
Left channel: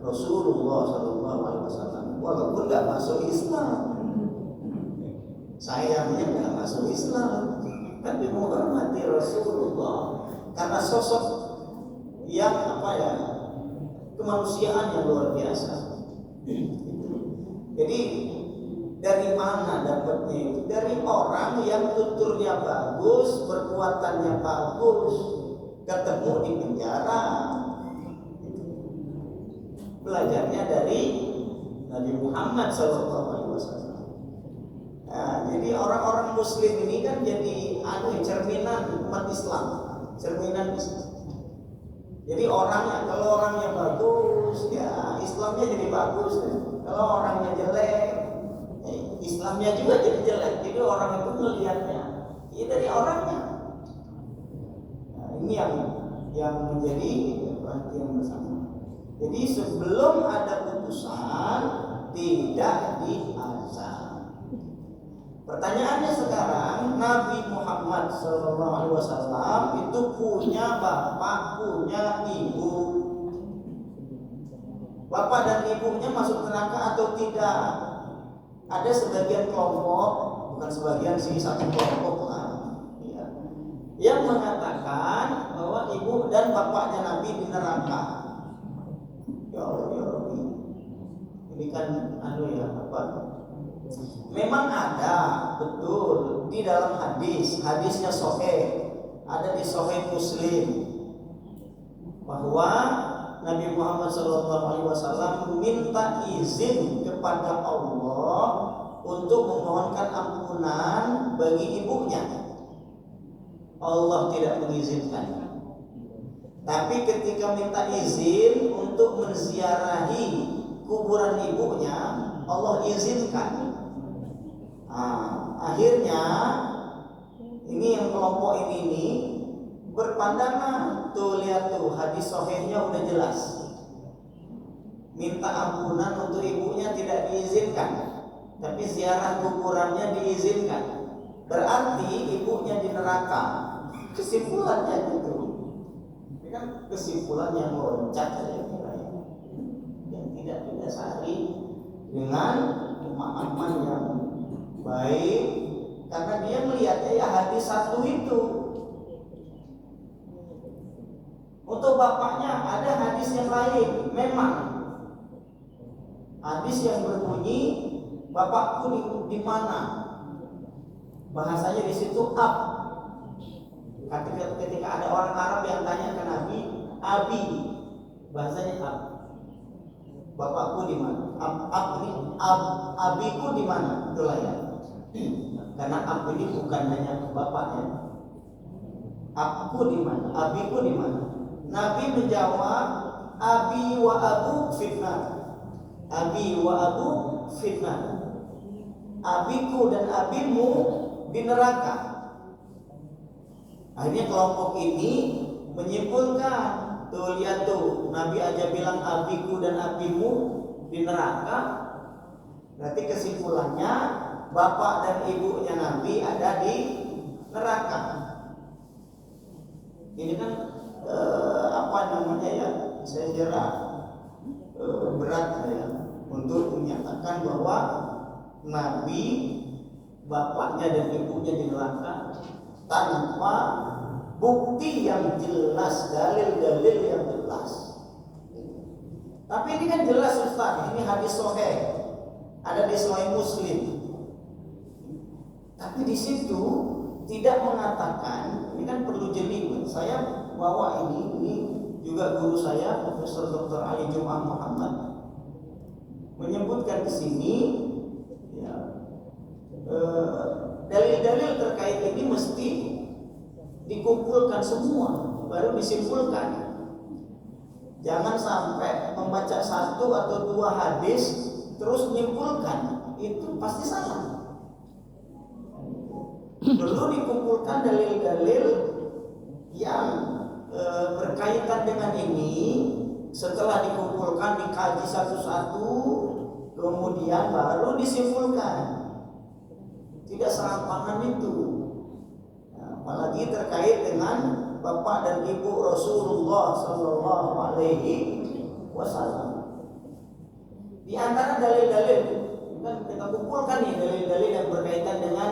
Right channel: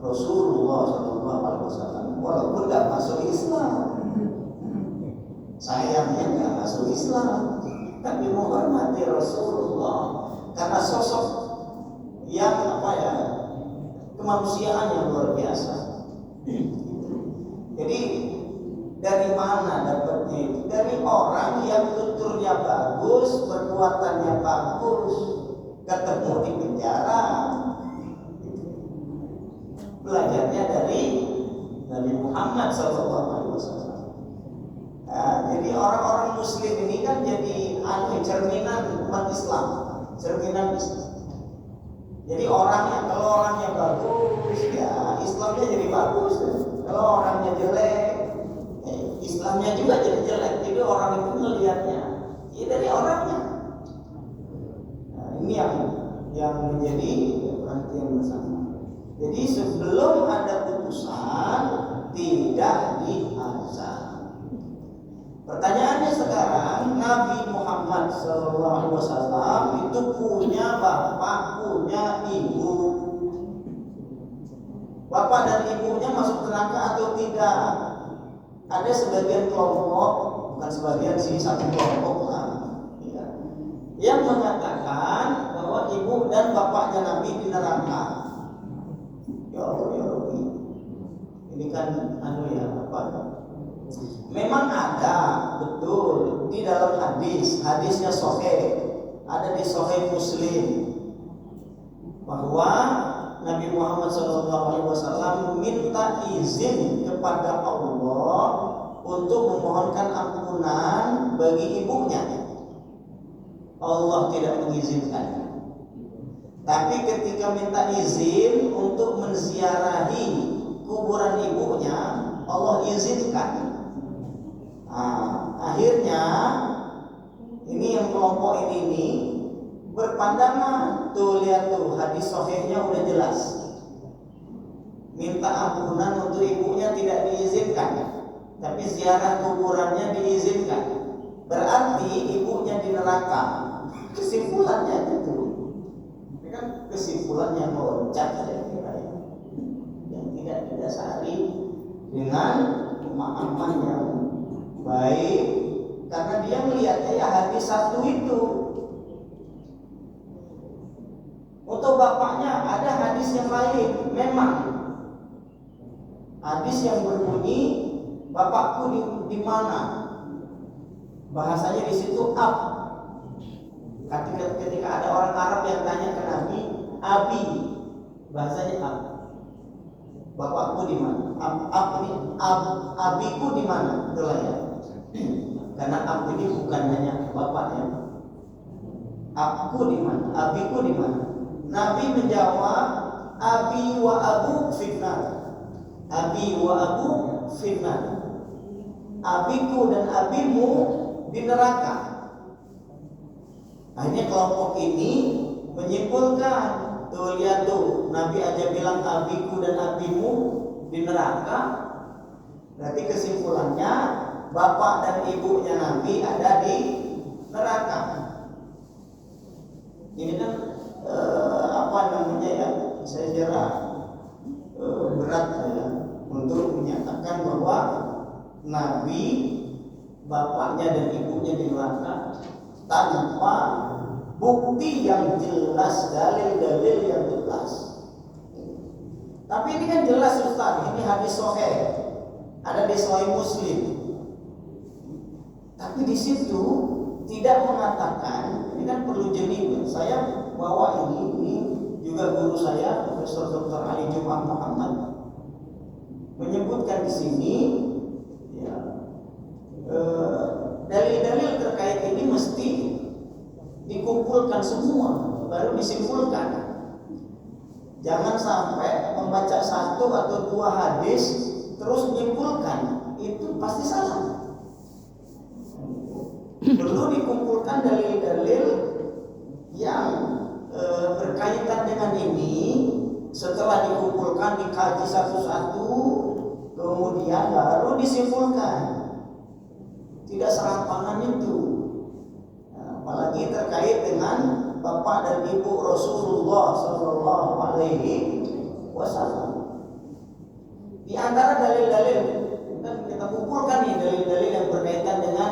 Rasulullah SAW walaupun tidak masuk Islam. Sayangnya tidak masuk Islam, tapi menghormati Rasulullah karena sosok yang kemanusiaan yang luar biasa. Jadi dari mana dapatnya itu? Dari orang yang tuturnya bagus, perbuatannya bagus, ketemu di penjara. Belajarnya dari Nabi Muhammad SAW. Nah, jadi orang-orang Muslim ini kan jadi cerminan umat Islam, cerminan Islam. Jadi kalau orangnya bagus, ya Islamnya jadi bagus. Kalau orangnya jelek, Islamnya juga jadi jelek. Jadi orang itu melihatnya ya dari orangnya. Nah, ini yang menjadi perhatian bersama. Jadi sebelum ada putusan tidak diazab. Pertanyaannya sekarang, Nabi Muhammad SAW itu punya bapak, punya ibu. Bapak dan ibunya masuk neraka atau tidak? Ada sebagian kelompok, bukan sebagian sih, satu kelompok yang mengatakan bahwa ibu dan bapaknya Nabi di neraka. Ya Allah, ini kan memang ada, betul, di dalam hadisnya sahih, ada di sahih Muslim bahwa Nabi Muhammad SAW minta izin kepada Allah untuk memohonkan ampunan bagi ibunya. Allah tidak mengizinkan. Tapi ketika minta izin untuk menziarahi kuburan ibunya, Allah izinkan. Akhirnya ini yang kelompok ini berpandangan, tuh lihat tuh hadis sahihnya udah jelas. Minta ampunan untuk ibunya tidak diizinkan, tapi ziarah kuburannya diizinkan. Berarti ibunya di neraka. Kesimpulannya itu. Ini kan kesimpulan yang meloncat saya kira ya. Yang tidak didasari dengan pemahaman yang baik, karena dia melihatnya ya hadis satu itu. Untuk bapaknya ada hadis yang lain, memang hadis yang berbunyi bapakku di mana, bahasanya di situ ab. Ketika ada orang Arab yang tanya ke Nabi, abi, bahasanya ab. Bapakku di mana? Abiku di mana? Itulah ya. Karena ab ini bukan hanya bapaknya. Abku di mana? Abiku di mana? Nabi menjawab, abi wa abu fitnah. Abi wa abu fitnah. Abiku dan abimu di neraka. Akhirnya kelompok ini menyimpulkan, tuh lihat tuh, Nabi aja bilang abiku dan abimu di neraka. Berarti kesimpulannya bapak dan ibunya Nabi ada di neraka. Ini kan saya kira berat ya untuk menyatakan bahwa Nabi, bapaknya dan ibunya di neraka tanpa bukti yang jelas, dalil-dalil yang jelas. Tapi ini kan jelas Ustaz, ini hadis sahih, ada di Sahih Muslim. Tapi di situ tidak mengatakan, ini kan perlu jeli. Saya bawa ini juga guru saya Profesor Dr. Ali Jumat Muhammad menyebutkan di sini ya, dalil-dalil terkait ini mesti dikumpulkan semua baru disimpulkan. Jangan sampai membaca satu atau dua hadis terus menyimpulkan, itu pasti salah. Perlu dikumpulkan dalil-dalil yang berkaitan dengan ini. Setelah dikumpulkan, dikaji satu-satu, kemudian baru disimpulkan. Tidak serampangan itu. Apalagi terkait dengan bapak dan ibu Rasulullah Sallallahu Alaihi Wasallam. Di antara dalil-dalil, kita kumpulkan nih dalil-dalil yang berkaitan dengan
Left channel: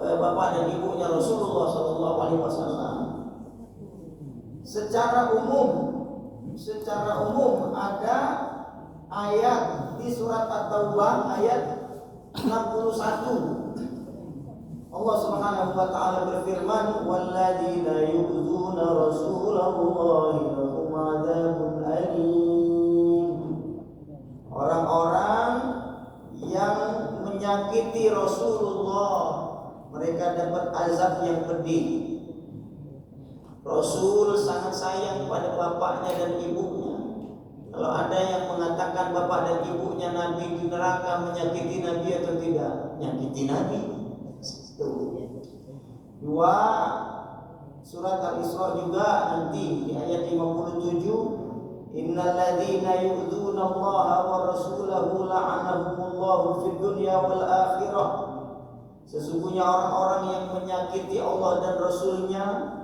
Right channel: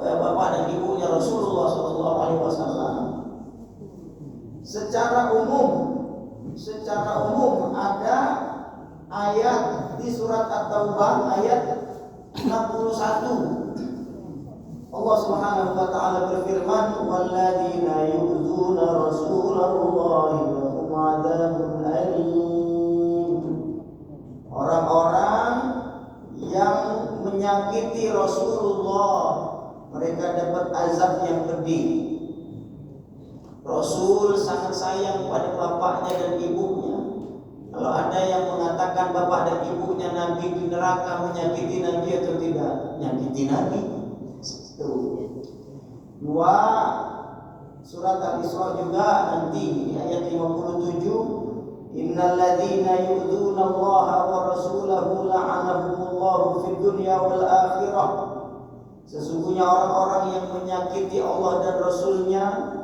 bapak dan ibunya Rasulullah Sallallahu Alaihi Wasallam. Secara umum ada ayat di surat At-Taubah ayat 61. Allah Subhanahu wa taala berfirman, "Walladzina yu'dzuna Rasulallahi lahum 'adzabun alim." Orang-orang yang menyakiti Rasulullah, mereka dapat azab yang pedih. Rasul sangat sayang pada bapaknya dan ibunya. Kalau ada yang mengatakan bapak dan ibunya Nabi di neraka, menyakiti Nabi atau tidak? Menyakiti Nabi. Dua, surat Al-Isra juga nanti di ayat 57, innal ladzina yu'dzuna Allah wa rasulahu la'anahumullahu fid dunya wal akhirah. Sesungguhnya orang-orang yang menyakiti Allah dan Rasulnya,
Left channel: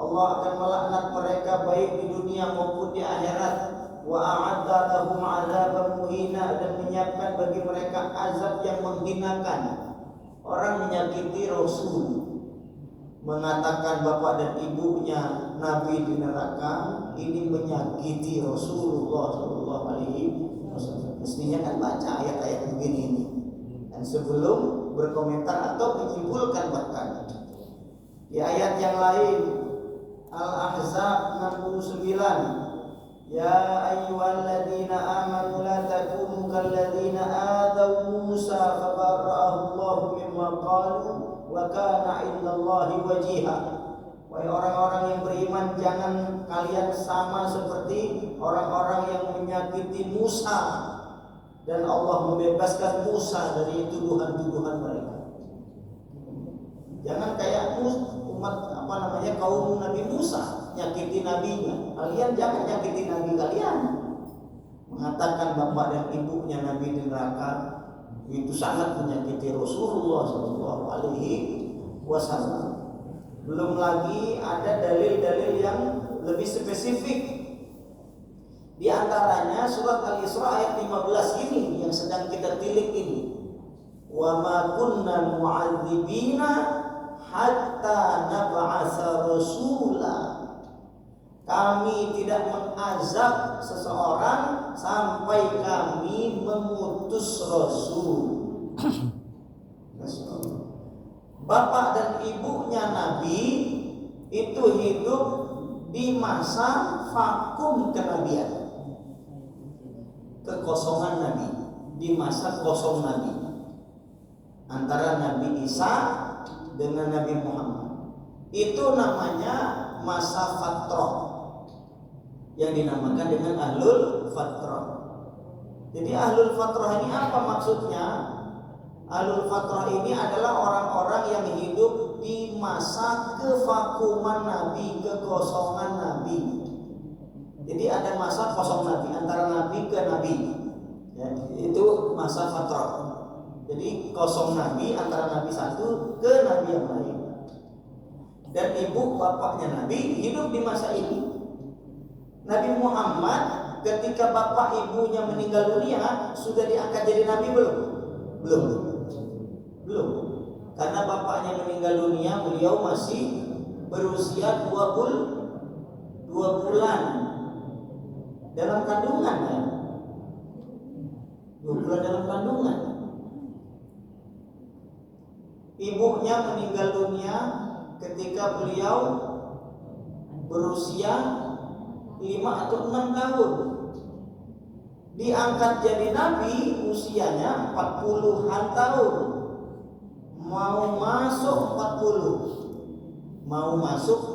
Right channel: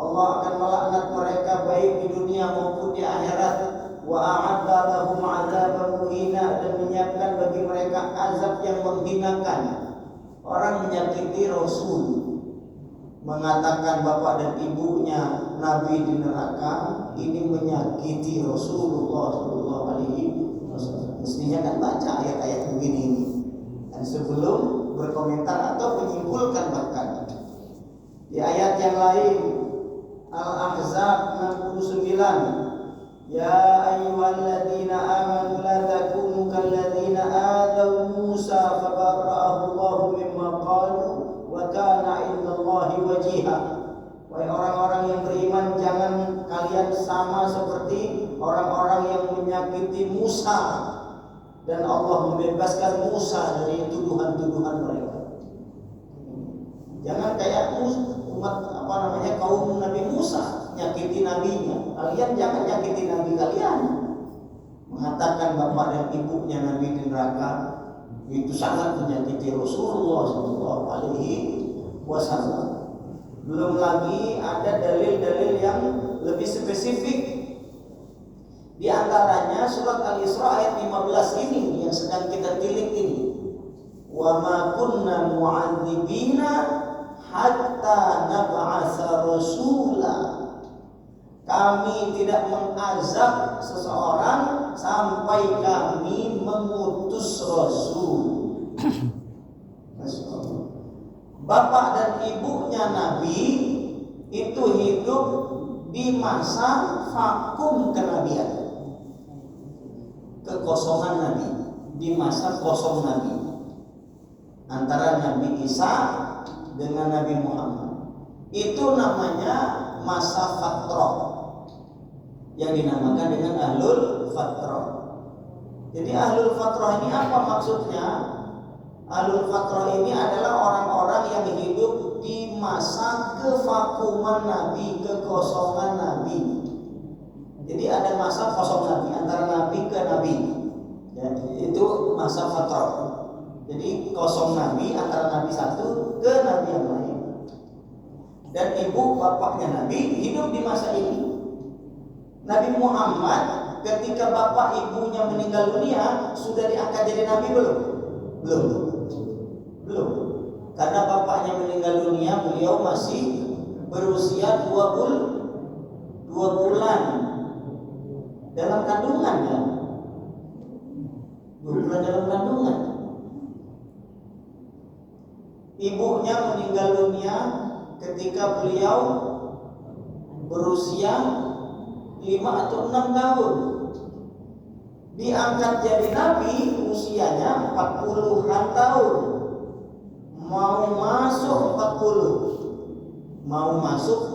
Allah akan melaknat mereka baik di dunia maupun di akhirat. Wa a'adda lahum 'adzaban muhina, dan menyiapkan bagi mereka azab yang menghinakan. Orang menyakiti Rasul, mengatakan bapak dan ibunya Nabi di neraka, ini menyakiti Rasulullah Sallallahu Alaihi Wasallam. Mestinya kan baca ayat-ayat begini ini, dan sebelum berkomentar atau menyimpulkan bahkan di ayat yang lain Al-Ahzab 69, ya ayyuhalladzina amanu la takunu kalladzina adaw Musa fabarra'ahu Allahu mimma qalu wa kana 'indallahi wajiha. Wahai orang-orang yang beriman, jangan kalian sama seperti orang-orang yang menyakiti Musa, dan Allah membebaskan Musa dari tuduhan-tuduhan mereka. Jangan kayak umat kaum Nabi Musa nyakiti nabinya. Kalian jangan nyakiti nabi kalian. Mengatakan bapak dan ibunya Nabi di neraka, itu sangat menyakiti Rasulullah Sallallahu Alaihi Wasallam. Belum lagi ada dalil-dalil yang lebih spesifik. Di antaranya surat Al-Isra ayat 15 ini yang sedang kita tilik ini. Wa ma kunna mu'adzibina hatta nab'atsa rasula. Kami tidak mengazab seseorang sampai kami mengutus Rasul. Bapak dan ibunya Nabi itu hidup di masa vakum kenabian, kekosongan Nabi, di masa kosong Nabi antara Nabi Isa dengan Nabi Muhammad. Itu namanya masa fatrah, yang dinamakan dengan ahlul fatrah. Jadi ahlul fatrah ini apa maksudnya? Ahlul fatrah ini adalah orang-orang yang hidup di masa kevakuman Nabi, kekosongan Nabi. Jadi ada masa kosong Nabi, antara Nabi ke Nabi, ya, itu masa fatrah. Jadi kosong Nabi antara Nabi satu ke Nabi yang lain. Dan ibu bapaknya Nabi hidup di masa ini. Nabi Muhammad ketika bapak ibunya meninggal dunia sudah diangkat jadi Nabi belum? Belum. Karena bapaknya meninggal dunia, beliau masih berusia 2 bulan dalam kandungan, kan? 2 bulan dalam kandungan. Ibunya meninggal dunia ketika beliau berusia 5 atau 6 tahun. Diangkat jadi nabi usianya 40-an tahun. Mau masuk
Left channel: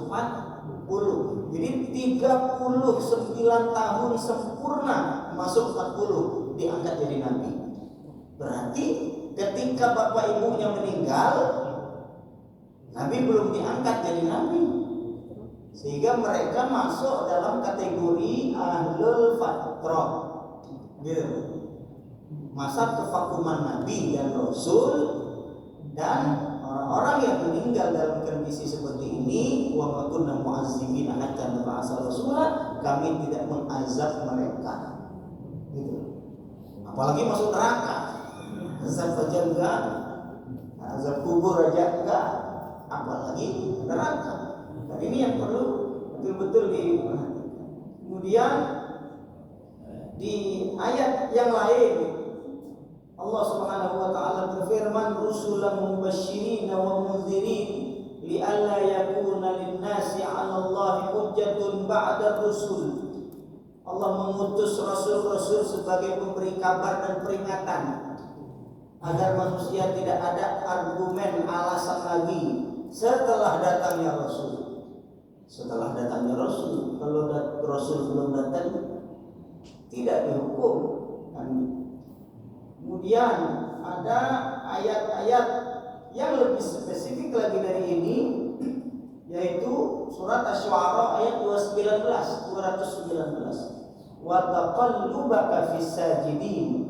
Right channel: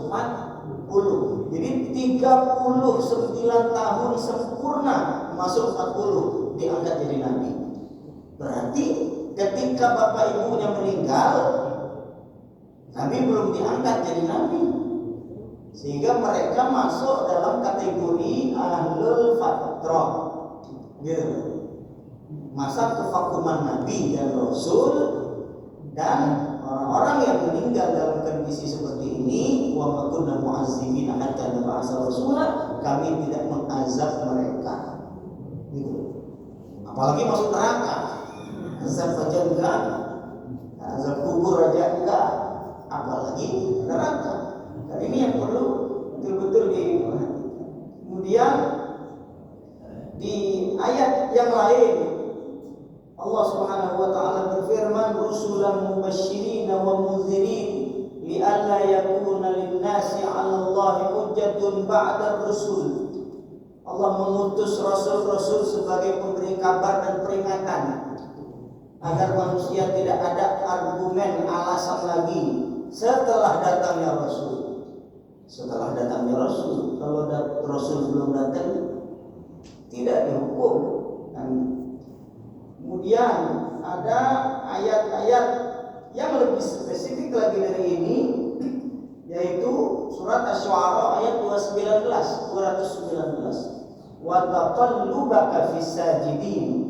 40. Jadi 39 tahun sempurna masuk 40 diangkat jadi nabi. Berarti ketika bapak ibunya meninggal, nabi belum diangkat jadi nabi. Sehingga mereka masuk dalam kategori ahlul fatrah. Gitu. Masa kevakuman nabi dan rasul, dan orang-orang yang meninggal dalam kondisi seperti ini, wa ma kunna mu'azzibina hatta nab'atsa rasula, kami tidak mengazab mereka. Gitu. Apalagi masuk neraka. Azab aja enggak, azab kubur aja enggak, apalagi neraka. Dan ini yang perlu betul-betul diperhatikan. Kemudian di ayat yang lain Allah Subhanahu wa taala berfirman, rusulan mubasysyirin wa mundzirin li'alla yakuna lin-nasi 'ala Allahi hujjatun ba'da rusul. Allah mengutus rasul-rasul sebagai pemberi kabar dan peringatan agar manusia tidak ada argumen alasan lagi setelah datangnya rasul. Setelah datangnya rasul, kalau rasul belum datang tidak dihukum. Dan kemudian ada ayat-ayat yang lebih spesifik lagi dari ini, yaitu surat Asy-Syu'ara ayat 219. Wa taqallubaka fis sajidin.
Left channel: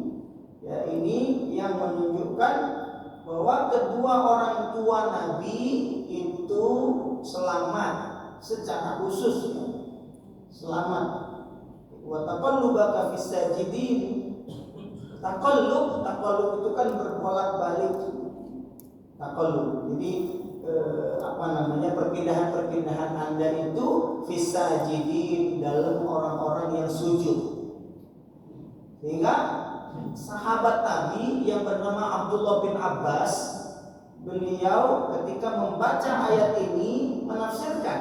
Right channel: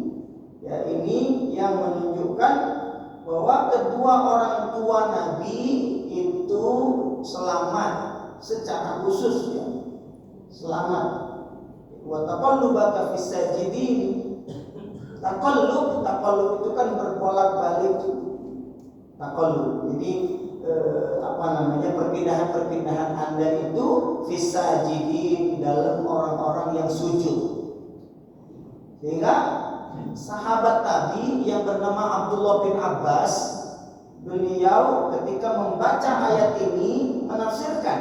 Ya, ini yang menunjukkan bahwa kedua orang tua Nabi itu selamat secara khusus, ya. Selamat. Wa taqallubaka fis sajidin. Taqallub itu kan berbolak-balik. Taqallub. Jadi perpindahan Anda itu fis sajidin, dalam orang-orang yang sujud. Sehingga sahabat Nabi yang bernama Abdullah bin Abbas, beliau ketika membaca ayat ini menafsirkan.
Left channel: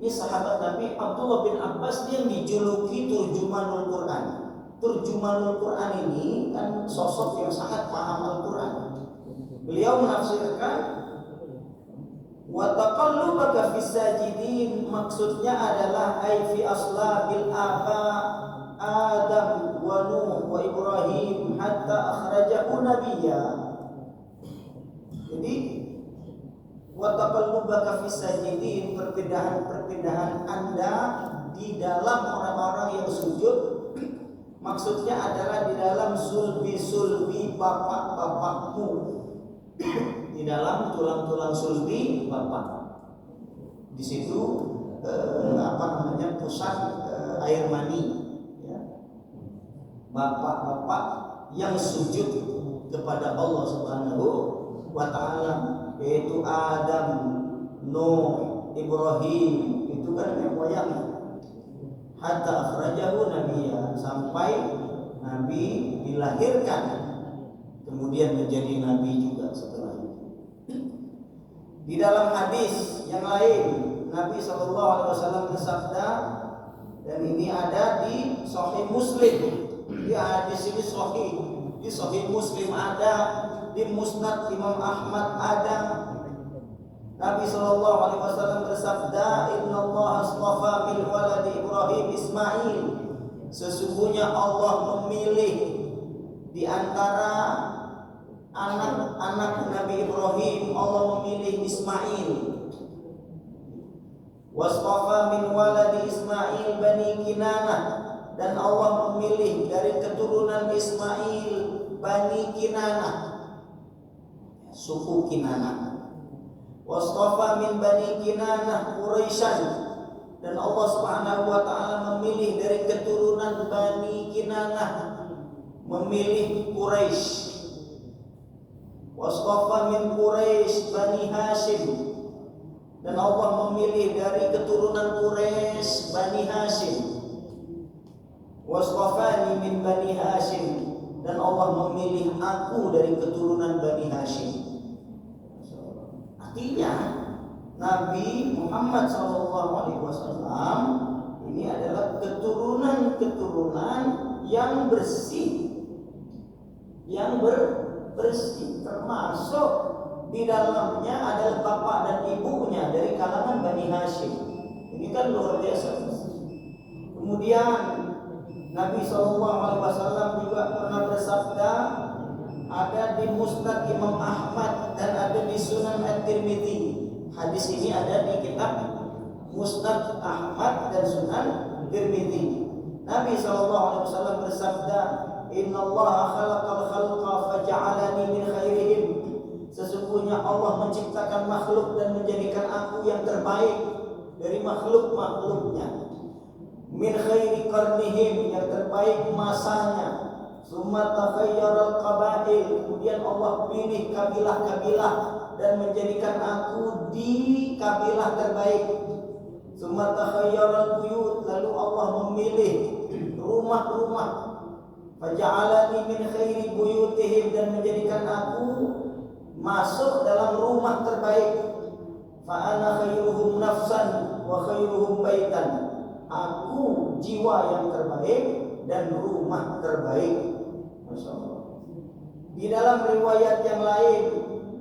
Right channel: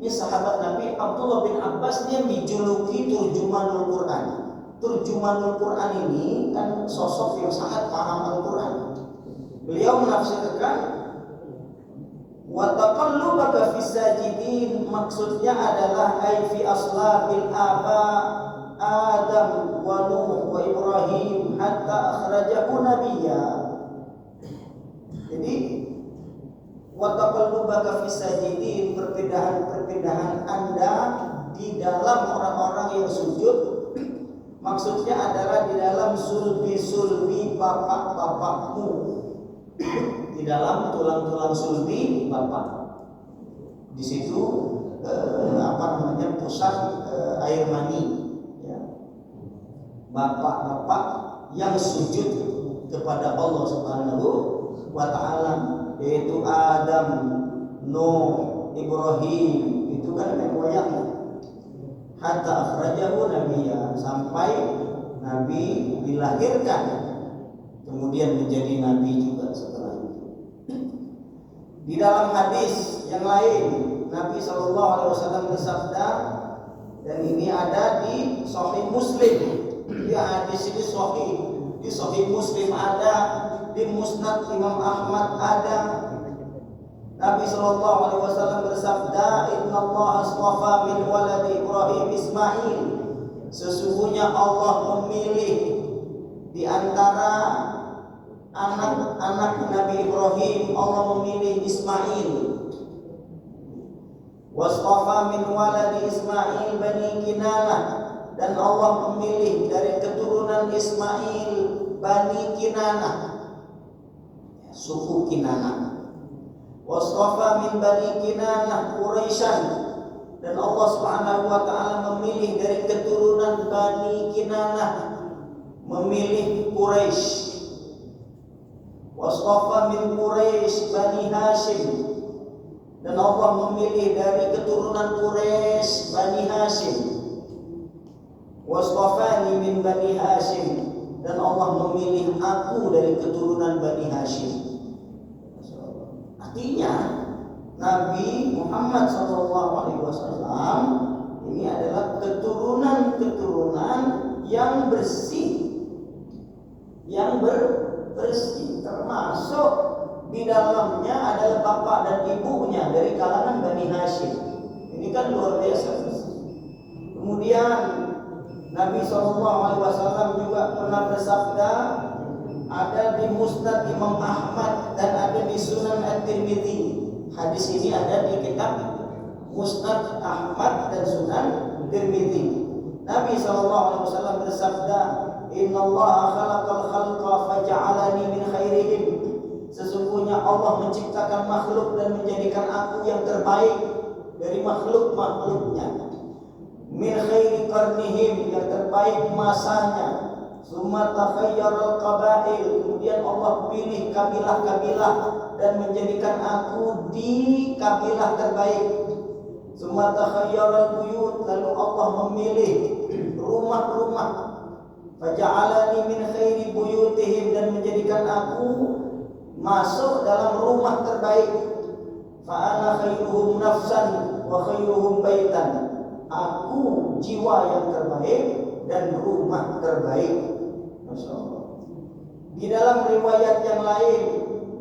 Ini sahabat Nabi Abdullah bin Abbas, dia dijuluki Turjumanul Quran. Turjumanul Quran ini kan sosok yang sangat paham Al-Quran. Beliau menafsirkan wa taqallubaka fis sajidin, maksudnya adalah ai fi aslabil aba Adam wa Nuh wa Ibrahim hatta akhrajahu nabiyya. Jadi wa taqallubaka fis sajidin, perpindahan Anda di dalam orang-orang yang sujud, maksudnya adalah di dalam sulbi bapak-bapakmu, di dalam tulang-tulang sulbi bapak. Di situ pusat air mani, ya. Bapak-bapak yang sujud kepada Allah Subhanahu wa taala, yaitu Adam, Nuh, Ibrahim, itu kan nenek moyangnya. Hatta akhrajahu nabiyya, sampai Nabi dilahirkan, kemudian menjadi nabi juga setelah itu. Di dalam hadis yang lain, Nabi SAW bersabda, dan ini ada di Sahih Muslim. Di hadis ini sahih, di Sahih Muslim ada, di Musnad Imam Ahmad ada. Nabi SAW bersabda, Inna Allah aswafa min waladi Ibrahim Ismail. Sesungguhnya Allah memilih di antara anak-anak Nabi Ibrahim, Allah memilih Ismail. Waswafa min waladi Ismail Bani Kinanah, dan Allah memilih dari keturunan Ismail Bani Kinanah, suku Kinanah. Waswafa min Bani Kinanah Quraisyan, dan Allah Subhanahu wa taala memilih dari keturunan Bani Kinanah, memilih Quraisy. Waswafa min Quraisy Bani Hashim, dan Allah memilih dari keturunan Quraisy Bani Hashim. Waswafani min Bani Hashim, dan Allah memilih aku dari keturunan Bani Hashim. Artinya Nabi Muhammad SAW ini adalah keturunan yang bersih, bersih, termasuk di dalamnya adalah bapak dan ibunya dari kalangan Bani Hashim. Ini kan luar biasa. Kemudian Nabi SAW juga pernah bersabda, ada di Musnad Imam Ahmad dan ada di Sunan At-Tirmidzi. Hadis ini ada di kitab Musnad Ahmad dan Sunan Tirmidzi. Nabi SAW bersabda, Inna Allah khalaqal khalqa faja'alani min khairihim. Sesungguhnya Allah menciptakan makhluk dan menjadikan aku yang terbaik dari makhluk-makhluknya. Min khairi qarnihim, yang terbaik masanya. Summa takhayyarul qabail, kemudian Allah pilih kabilah-kabilah dan menjadikan aku di kabilah terbaik. Summa takhayyarul buyut, lalu Allah memilih rumah-rumah. Faja'alani min khairi buyutihim, dan menjadikan aku masuk dalam rumah terbaik. Fa'ana khairuhum nafsan wa khairuhum baitan. Aku jiwa yang terbaik dan rumah terbaik. Masya Allah. Di dalam riwayat yang lain,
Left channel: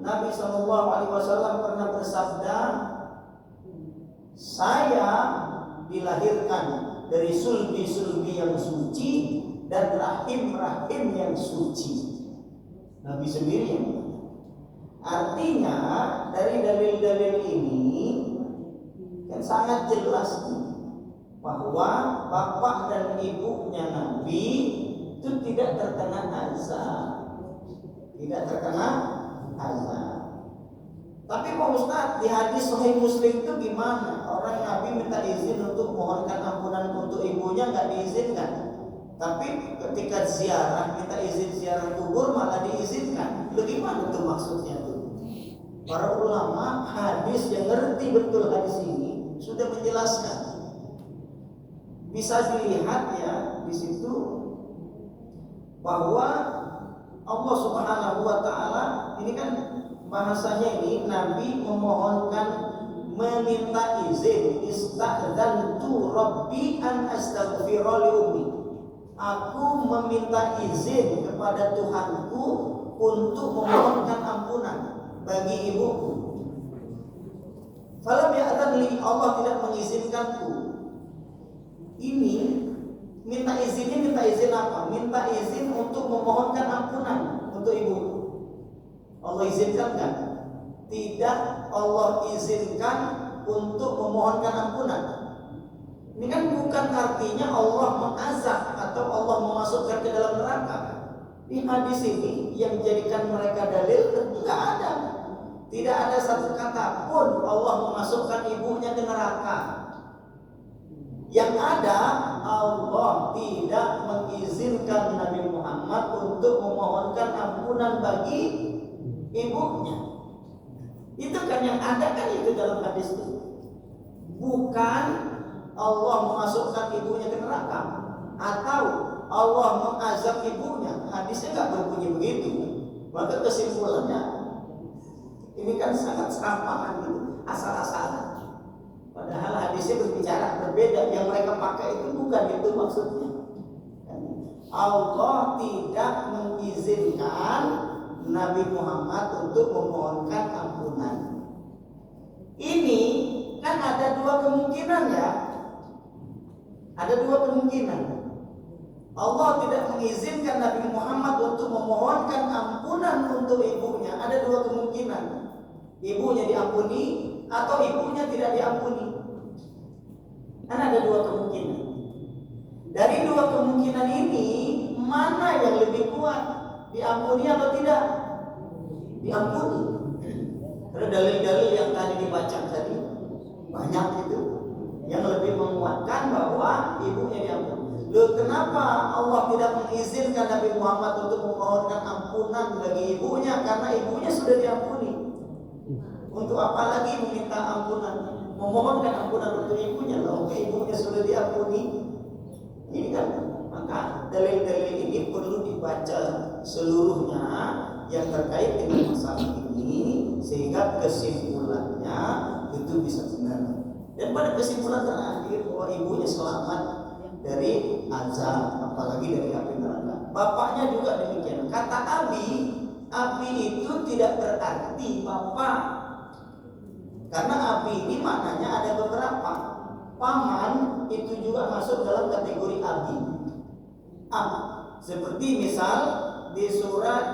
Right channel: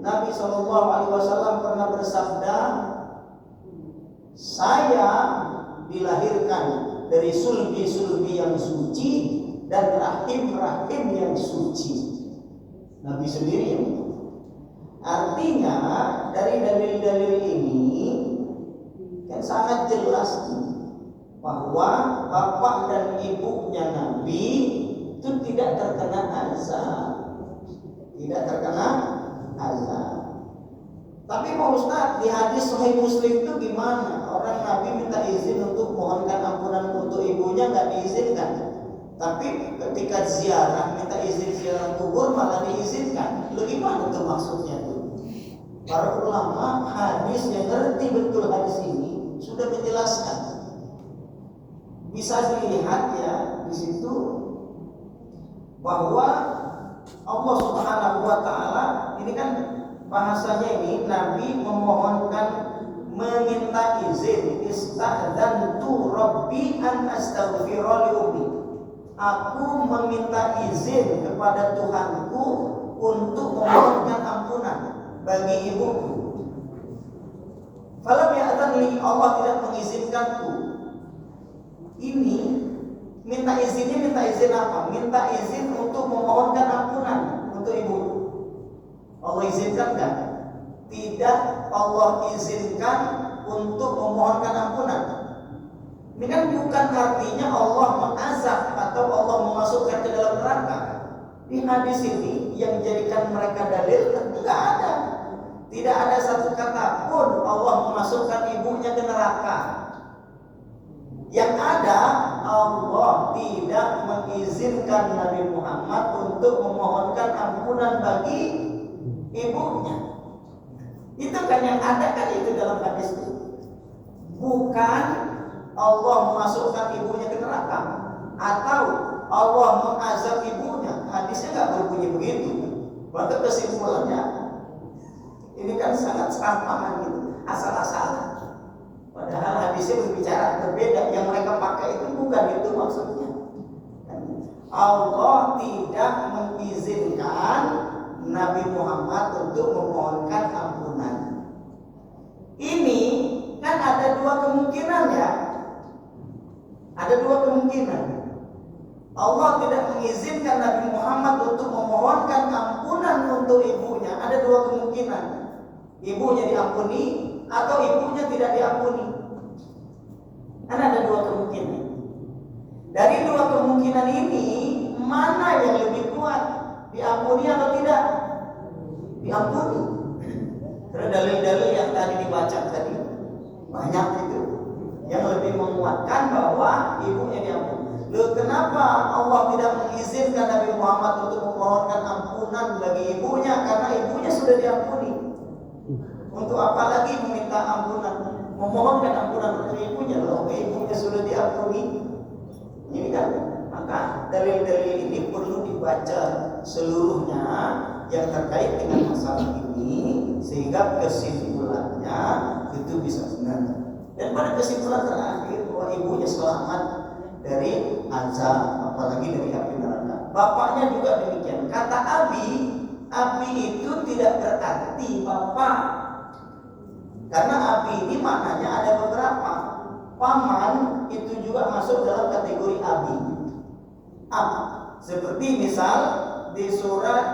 Nabi SAW pernah bersabda, saya dilahirkan dari sulbi-sulbi yang suci dan rahim-rahim yang suci. Nabi sendiri yang artinya dari dalil-dalil ini kan sangat jelas bahwa bapak dan ibunya Nabi itu tidak terkena azab. Tapi Pak Ustaz, di hadis Sahih Muslim itu gimana? Orang Nabi minta izin untuk mohonkan ampunan untuk ibunya, nggak diizinkan. Tapi ketika ziarah, minta izin ziarah kubur malah diizinkan. Lu gimana tuh maksudnya tuh? Para ulama hadis yang ngerti betul hadis ini sudah menjelaskan. Bisa dilihat ya di situ bahwa Allah Subhanahu wa taala ini kan bahasanya ini Nabi meminta izin, istadzantu rabbi an astaghfira li ummi. Aku meminta izin kepada Tuhanku untuk memohonkan ampunan bagi ibuku. Falam ya'tan li, Allah tidak mengizinkanku. Ini minta izin apa? Minta izin untuk memohonkan ampunan untuk ibu. Allah izinkan enggak? Tidak, Allah izinkan untuk memohonkan ampunan. Ini kan bukan artinya Allah mengazab atau Allah memasukkan ke dalam neraka. Di hadis ini yang menjadikan mereka dalil tidak ada. Tidak ada satu kata pun Allah memasukkan ibunya ke neraka. Yang ada, Allah tidak mengizinkan Nabi Muhammad untuk memohonkan ampunan bagi ibunya. Itu kan yang ada kan itu dalam hadis itu. Bukan Allah memasukkan ibunya ke neraka atau Allah mengazab ibunya. Hadisnya nggak berbunyi begitu. Maka kesimpulannya ini kan sangat serampangan gitu, asal-asalan. Padahal hadisnya berbicara berbeda. Yang mereka pakai itu bukan itu maksudnya. Allah tidak mengizinkan Nabi Muhammad untuk memohonkan ampunan. Ini kan ada dua kemungkinan ya. Ada dua kemungkinan. Allah tidak mengizinkan Nabi Muhammad untuk memohonkan ampunan untuk ibunya. Ada dua kemungkinan. Ibunya diampuni atau ibunya tidak diampuni. Kan ada dua kemungkinan. Dari dua kemungkinan ini, mana yang lebih kuat? Diampuni atau tidak? Diampuni. Karena dalil-dalil yang tadi dibaca tadi banyak itu yang lebih menguatkan bahwa ibunya diampuni. Loh, kenapa Allah tidak mengizinkan Nabi Muhammad untuk memohonkan ampunan bagi ibunya? Karena ibunya sudah diampuni. Untuk apa lagi meminta ampunan? Memohonkan ampunan untuk ibunya, loh, ibunya sudah diampuni. Ini kan, maka dalil-dalil ini perlu dibaca seluruhnya yang terkait dengan masalah ini. ini sehingga kesimpulannya itu bisa benar. Dan pada kesimpulan terakhir bahwa ibunya selamat dari azab, apalagi dari api neraka. Bapaknya juga demikian. Kata Abi itu tidak berarti bapak. Karena Abi ini maknanya ada beberapa. Paman itu juga masuk dalam kategori Abi. Seperti misal di surat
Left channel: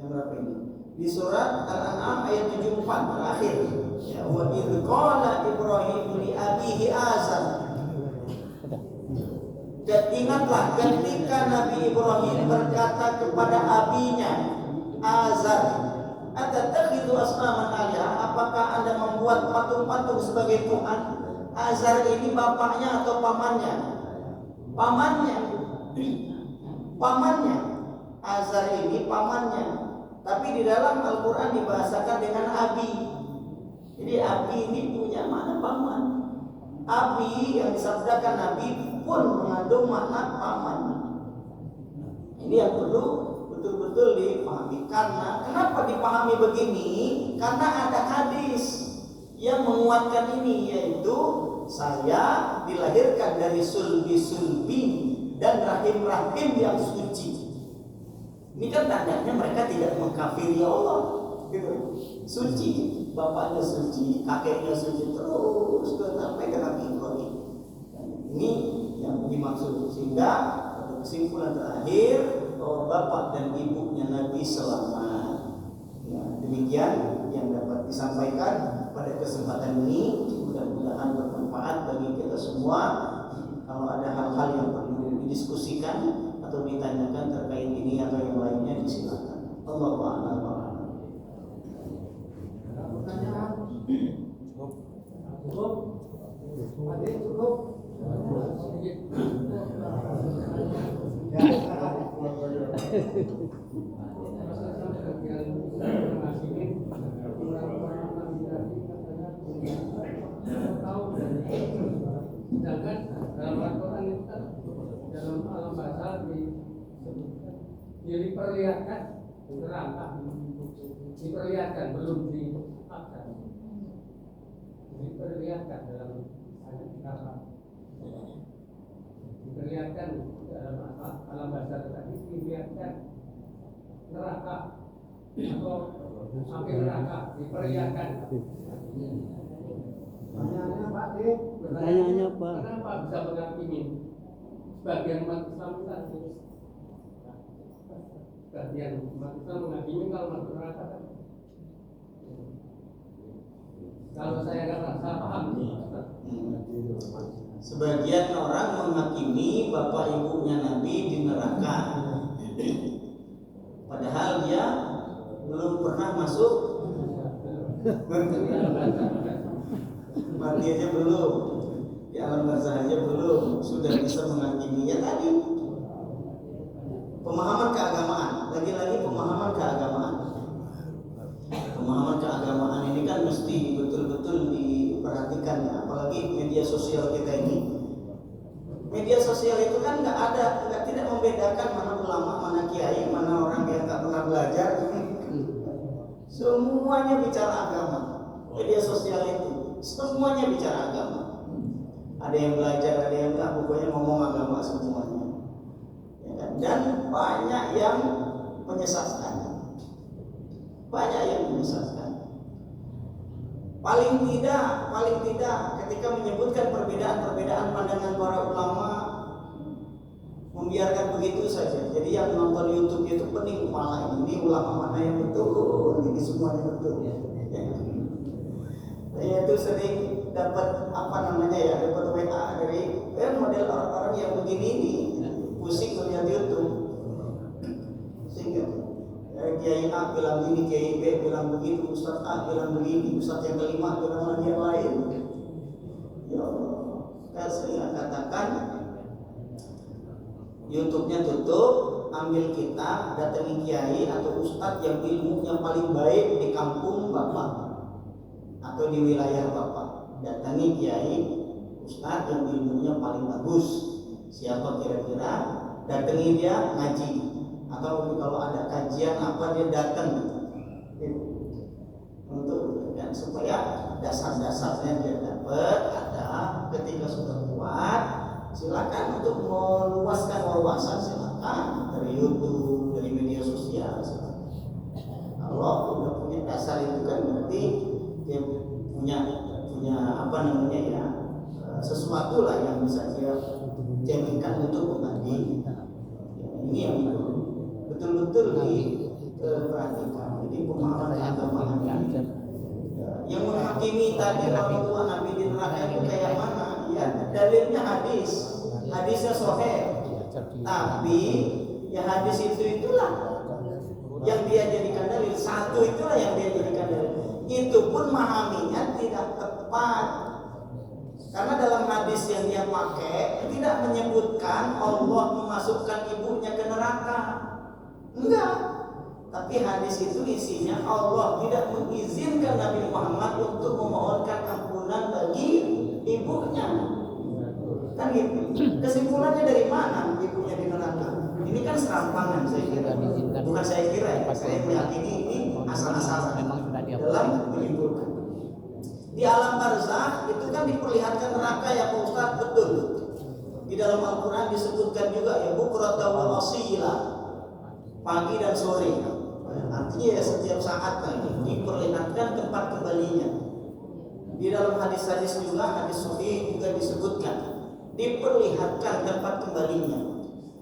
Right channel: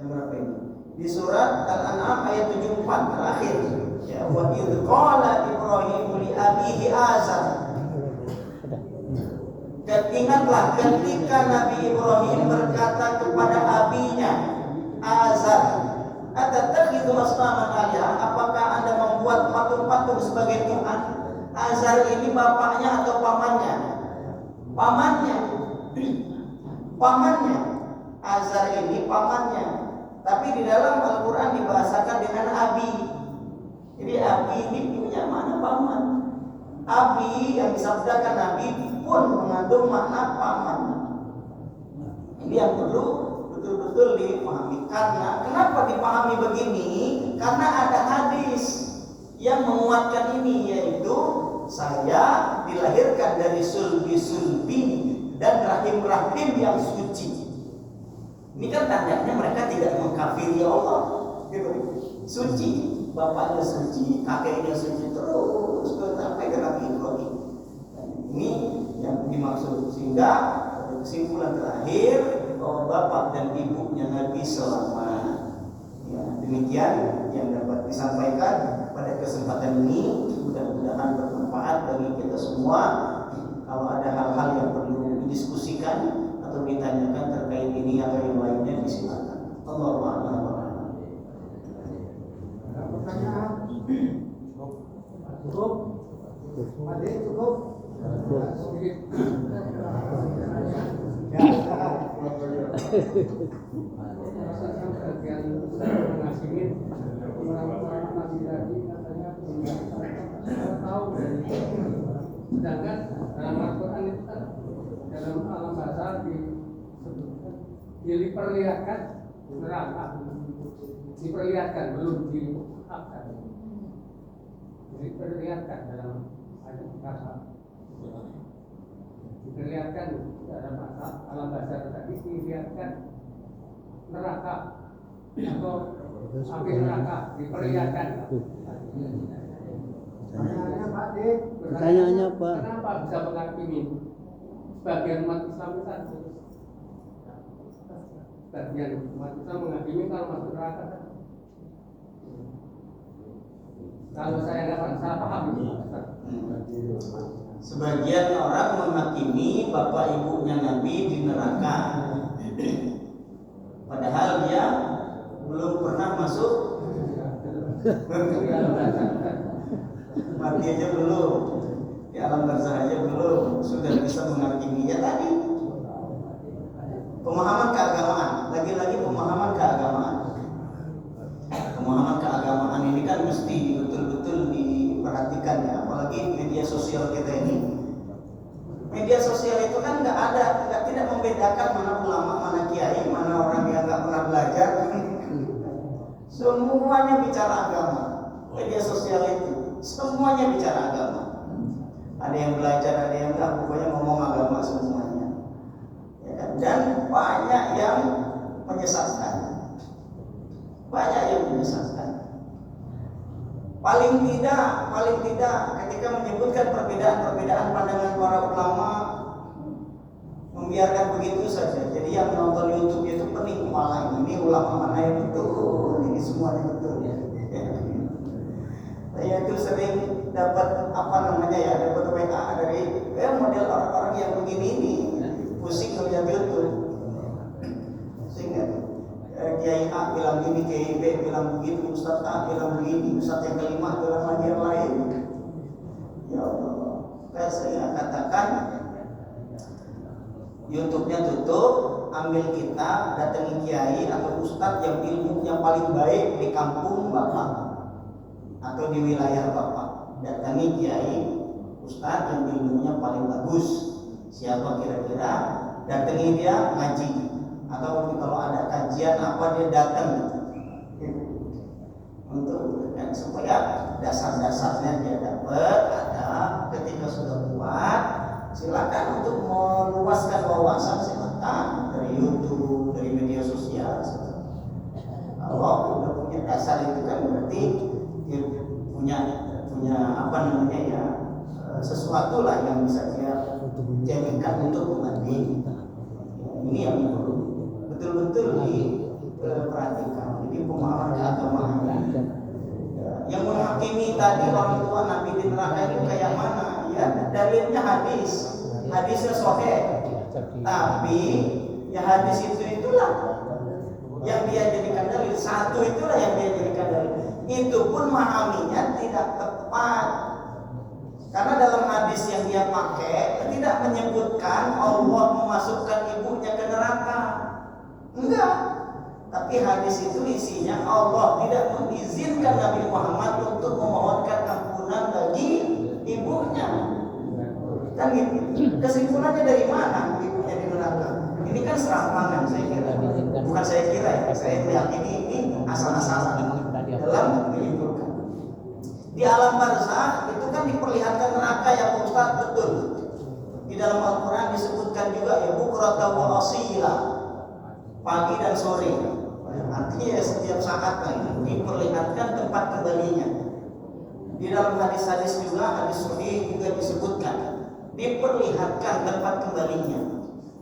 yang berapa ini? Di surat Al-An'am ayat 74 terakhir. Ya, wa idz qala Ibrahim li abihi Azar. Dan ingatlah ketika Nabi Ibrahim berkata kepada abinya Azar, "Atattakhidhu asnaman alihah?" Apakah Anda membuat patung-patung sebagai Tuhan? Azar ini bapaknya atau pamannya? Pamannya. Pamannya. Azar ini pamannya. Tapi di dalam Al-Quran dibahasakan dengan Abi. Jadi Abi ini punya makna paman. Abi yang disabdakan Nabi pun mengandung makna paman. Ini yang perlu betul-betul dipahami. Karena kenapa dipahami begini? Karena ada hadis yang menguatkan ini, yaitu saya dilahirkan dari sulbi-sulbi dan rahim-rahim yang suci. Ini kan tandanya mereka tidak mengkafiri Allah, gitu. Suci, bapaknya suci, kakeknya suci, terus sampai ke Nabi Ibrahim. Ini yang dimaksud. Sehingga kesimpulan terakhir bahwa bapak dan ibunya Nabi selamat. Ya, demikian yang dapat disampaikan pada kesempatan ini. Mudah-mudahan bermanfaat bagi kita semua. Kalau ada hal-hal yang perlu didiskusikan atau ditanyakan terkait ini atau yang lainnya, disilakan. Allahu a'lam. Pertanyaan cukup? Adik cukup? Sedangkan dalam Al-Quran itu kan dalam alam bahasa disebutkan diperlihatkan neraka, diperlihatkan belum diungkapkan, diperlihatkan dalam ayat neraka, diperlihatkan dalam alam bahasa tadi dilihatkan neraka atau api neraka diperlihatkan. Pertanyaannya Pak D. Pertanyaannya Pak. Kenapa bisa menghakimi sebagian umat Islam kan? Sebagian umat Islam menghakimi kalau masuk neraka kan? Kalau saya nggak salah paham. Sebagian orang menghakimi bapak ibunya Nabi di neraka, padahal dia belum pernah masuk. Mati aja belum, di alam barzah aja belum, sudah bisa menghakiminya tadi. Pemahaman keagamaan, lagi-lagi pemahaman keagamaan. Pemahaman keagamaan ini kan mesti betul-betul diperhatikan ya, apalagi media sosial kita ini. Media sosial itu kan tidak membedakan mana ulama, mana kiai, mana orang yang nggak pernah belajar. Semuanya bicara agama. Media sosial itu semuanya bicara agama. Ada yang belajar, ada yang enggak, pokoknya ngomong agama semuanya. Ya kan? Dan banyak yang menyesatkan. Banyak yang menyesatkan. Paling tidak ketika menyebutkan perbedaan pandangan para ulama, membiarkan begitu saja. Jadi yang nonton YouTube itu pening kepala ini ulama mana yang betul, ini semuanya betul. Ya. Saya itu sering dapat dapat WA dari model orang-orang yang begini ini, pusing melihat YouTube. Sehingga Kiai A bilang gini, Kiai B bilang begitu, Ustaz A bilang begini, Ustaz yang kelima bilang lagi yang lain. Ya Allah, saya katakan YouTube-nya tutup, ambil kitab, datangi kiai atau ustaz yang ilmunya paling baik di kampung Bapak atau di wilayah Bapak. Datangi kiai, ustaz yang ilmunya paling bagus. Siapa kira-kira? Datangi dia ngaji. Atau kalau ada kajian apa dia datang. untuk supaya dasar-dasarnya dia dapat ada. Ketika sudah kuat, silakan untuk meluaskan wawasan, silakan dari YouTube, dari media sosial. Kalau udah punya dasar itu kan berarti dia punya apa namanya ya, sesuatu lah yang bisa dia jadikan untuk membanding. Ini yang betul-betul diperhatikan. Ini pemahaman agama yang menghakimi tadi orang tua Nabi di neraka itu kayak mana? Ya dalilnya hadisnya sahih. Tapi ya hadis itulah yang dia jadikan dalil, satu itulah yang dia jadikan dalil. Itu pun memahaminya tidak tepat. Karena dalam hadis yang dia pakai tidak menyebutkan Allah memasukkan ibunya ke neraka. Enggak. Tapi hadis itu isinya Allah tidak mengizinkan Nabi Muhammad untuk memohonkan ampunan bagi ibunya. Kan gitu. Kesimpulannya dari mana ibunya di neraka? Ini kan serampangan saya kira. Bukan saya kira ya, saya meyakini ini asal-asalan dalam menyimpulkan. Di alam barzakh itu kan diperlihatkan neraka ya Pak Ustaz, betul. Di dalam Al-Quran disebutkan juga ya bukratan wa wasila, pagi dan sore. Artinya ya setiap saat kan diperlihatkan tempat kembalinya. Di dalam hadis-hadis juga, hadis sahih juga disebutkan diperlihatkan tempat kembalinya.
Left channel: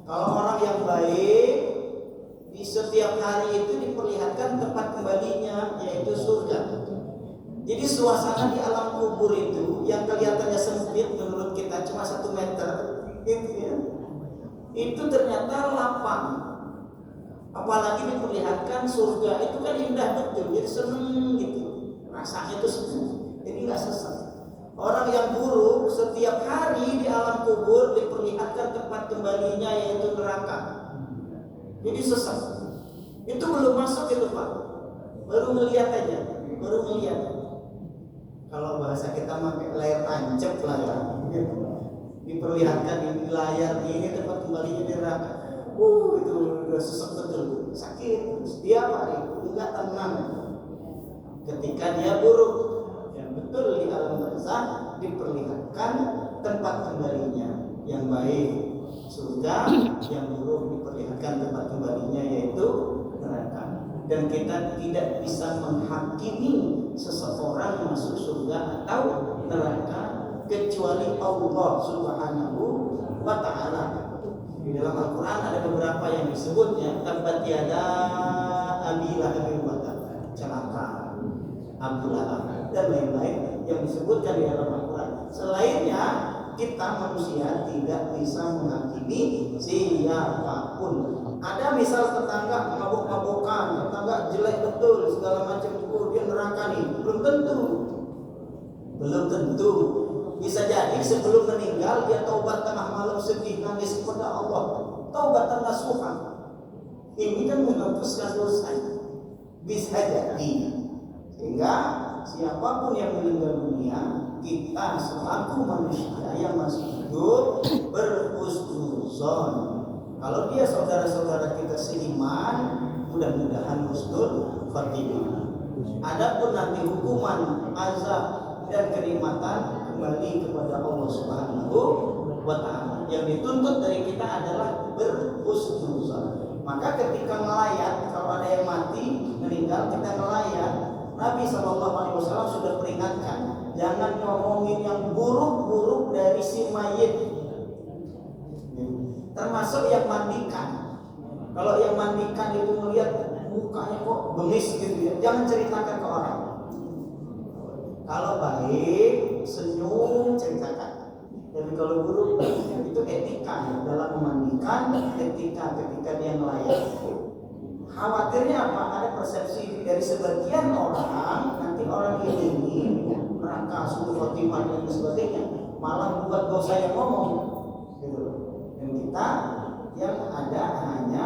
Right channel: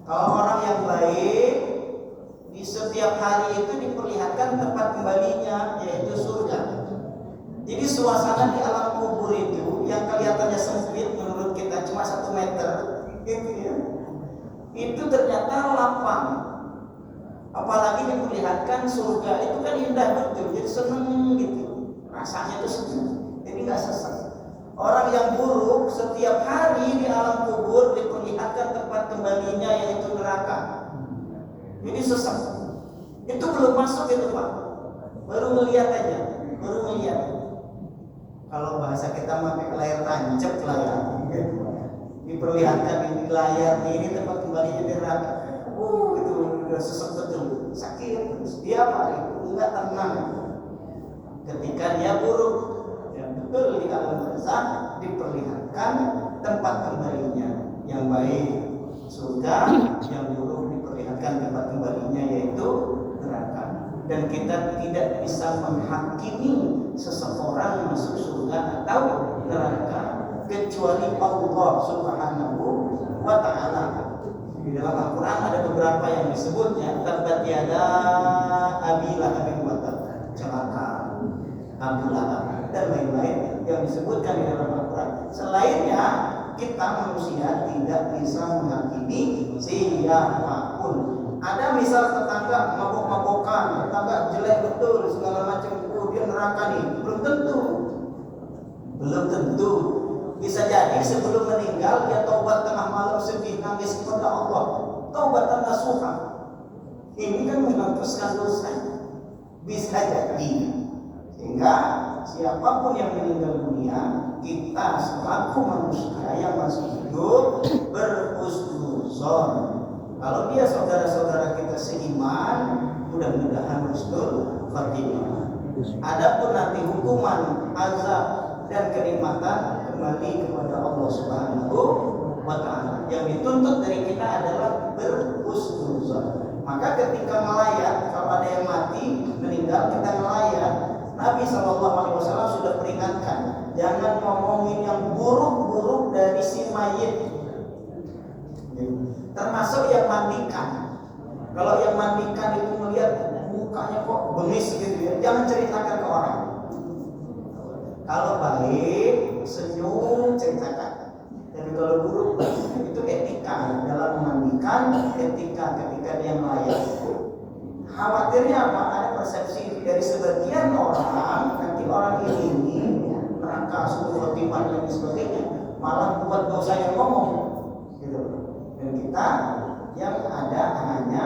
Kalau orang yang baik di setiap hari itu diperlihatkan tempat kembalinya, yaitu surga. Jadi suasana di alam kubur itu yang kelihatannya sempit menurut kita cuma 1 meter, gitu ya, itu ternyata lapang. Apalagi diperlihatkan surga itu kan indah betul, jadi seneng gitu, rasanya itu seneng, jadi nggak sesat. Orang yang buruk setiap hari di alam kubur diperlihatkan tempat kembalinya yaitu neraka, jadi sesat. Itu belum masuk itu Pak, baru melihat aja, baru melihat. Kalau bahasa kita pakai layar tancap lah ya, diperlihatkan di layar ini tempat kembalinya di neraka. Itu udah sesek betul, sakit terus. Dia apa? Enggak tenang. Ketika dia buruk, ya betul di alam barzakh diperlihatkan tempat kembalinya. Yang baik surga, yang buruk diperlihatkan tempat kembalinya yaitu neraka. Dan kita tidak bisa menghakimi seseorang masuk surga atau neraka kecuali Allah Subhanahu wa ta'ala. Di dalam Al-Quran ada beberapa yang disebutnya tabbat yada abi lahabin wa tab, celaka Abu Lahab dan lain-lain yang disebutkan di dalam Al-Quran. Selainnya kita manusia tidak bisa menghakimi siapapun. Ada misal tetangga mabok-mabokan, tetangga jelek betul segala macam, dia neraka nih, belum tentu. Bisa jadi sebelum meninggal dia taubat tengah malam sedih nangis kepada Allah, taubatan nasuha. Ini kan menghapuskan dosa. Bisa jadi. Sehingga siapapun yang meninggal dunia, kita selaku manusia yang masih hidup berhusnuzon. Kalau dia saudara-saudara kita seiman, mudah-mudahan husnul khatimah. Adapun nanti hukuman, azab dan kenikmatan kembali kepada Allah Subhanahu wa ta'ala. Yang dituntut dari kita adalah berhusnuzon. Maka ketika melayat, kalau ada yang mati, meninggal, kita melayat, Nabi SAW sudah peringatkan, jangan ngomongin yang buruk-buruk dari si mayit. Termasuk yang mandikan. Kalau yang mandikan itu melihat mukanya kok bengis gitu ya, jangan ceritakan ke orang. Kalau baik, senyum, ceritakan. Tapi kalau buruk, itu etika dalam memandikan, etika ketika dia melayat. Khawatirnya apa? Ada persepsi dari sebagian orang, nanti orang ini neraka, suku khotimah dan sebagainya, malah buat dosa yang ngomong, gitu. Dan kita yang ada hanya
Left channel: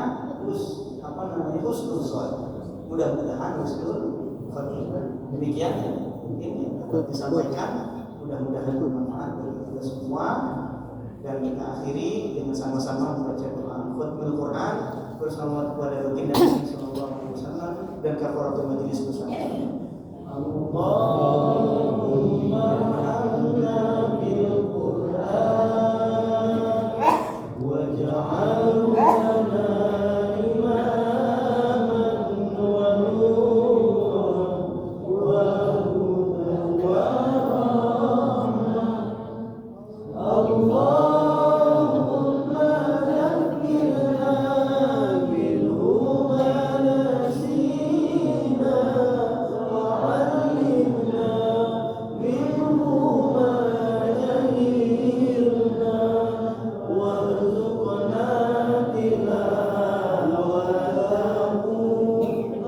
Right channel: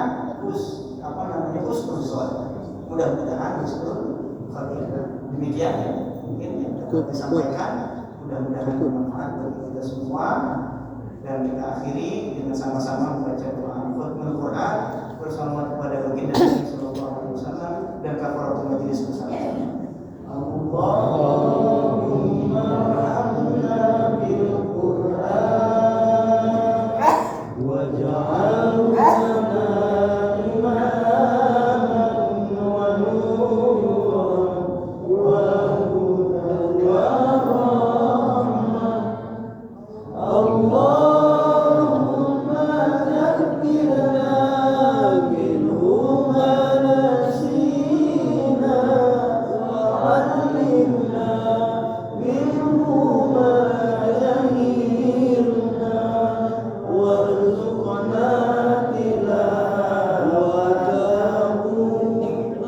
husnuzon. Mudah-mudahan husnul khotimah. Demikian mungkin yang dapat disampaikan. Mudah-mudahan bermanfaat bagi kita semua. Dan kita akhiri dengan sama-sama membaca doa khutbah Quran bersama kepada baginda Nabi sallallahu alaihi wasallam dan kafaratul majelis bersama. Allahumma arhamna bil Qur'an waj'alna imaman wa nuran wa hudan wa rahmah. Allahumma zakkirna minhu ma nasina wa 'allimna minhu ma jahilna warzuqna tilawatahu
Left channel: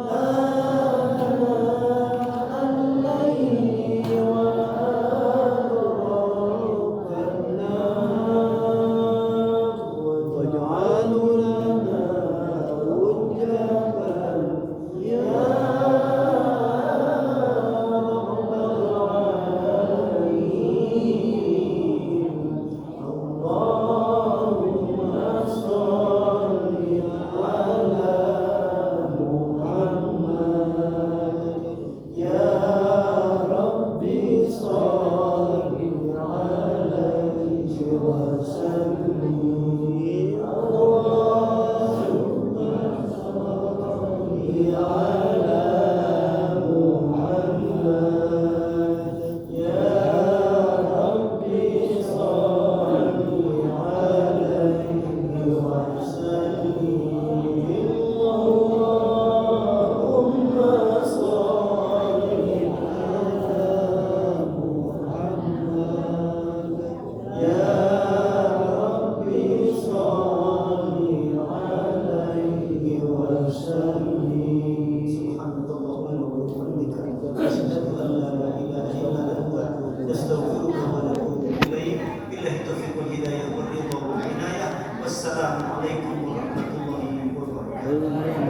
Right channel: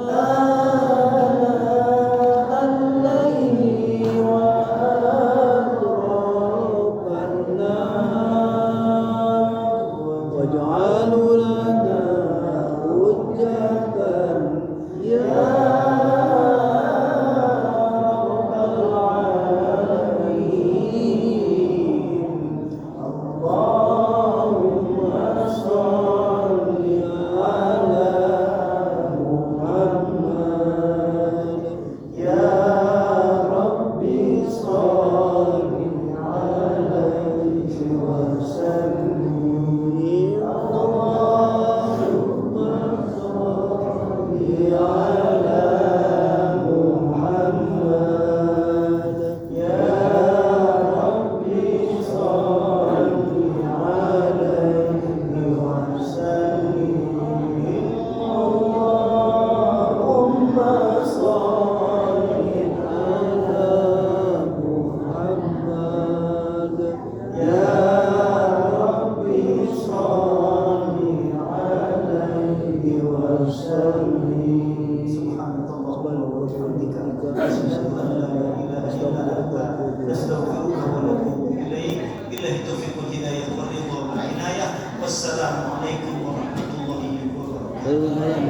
ana al-layli wa atrafan nahar waj'al lana hujjatan ya rabbal alamin. Allahumma shalli ala Muhammad ya Rabbi shalli alaihi wa sallim. Allahumma shalli ala Muhammad ya Rabbi shalli alaihi wa sallim. Allahumma shalli ala Muhammad ya Rabbi shalli alaihi wa sallim. Subhanallah wa bihamdika asyhadu an la ilaha illa anta astaghfiruka wa atubu ilaik. Billahi taufiq wal hidayah wal ridha wal inayah. Wassalamu alaikum warahmatullahi wabarakatuh.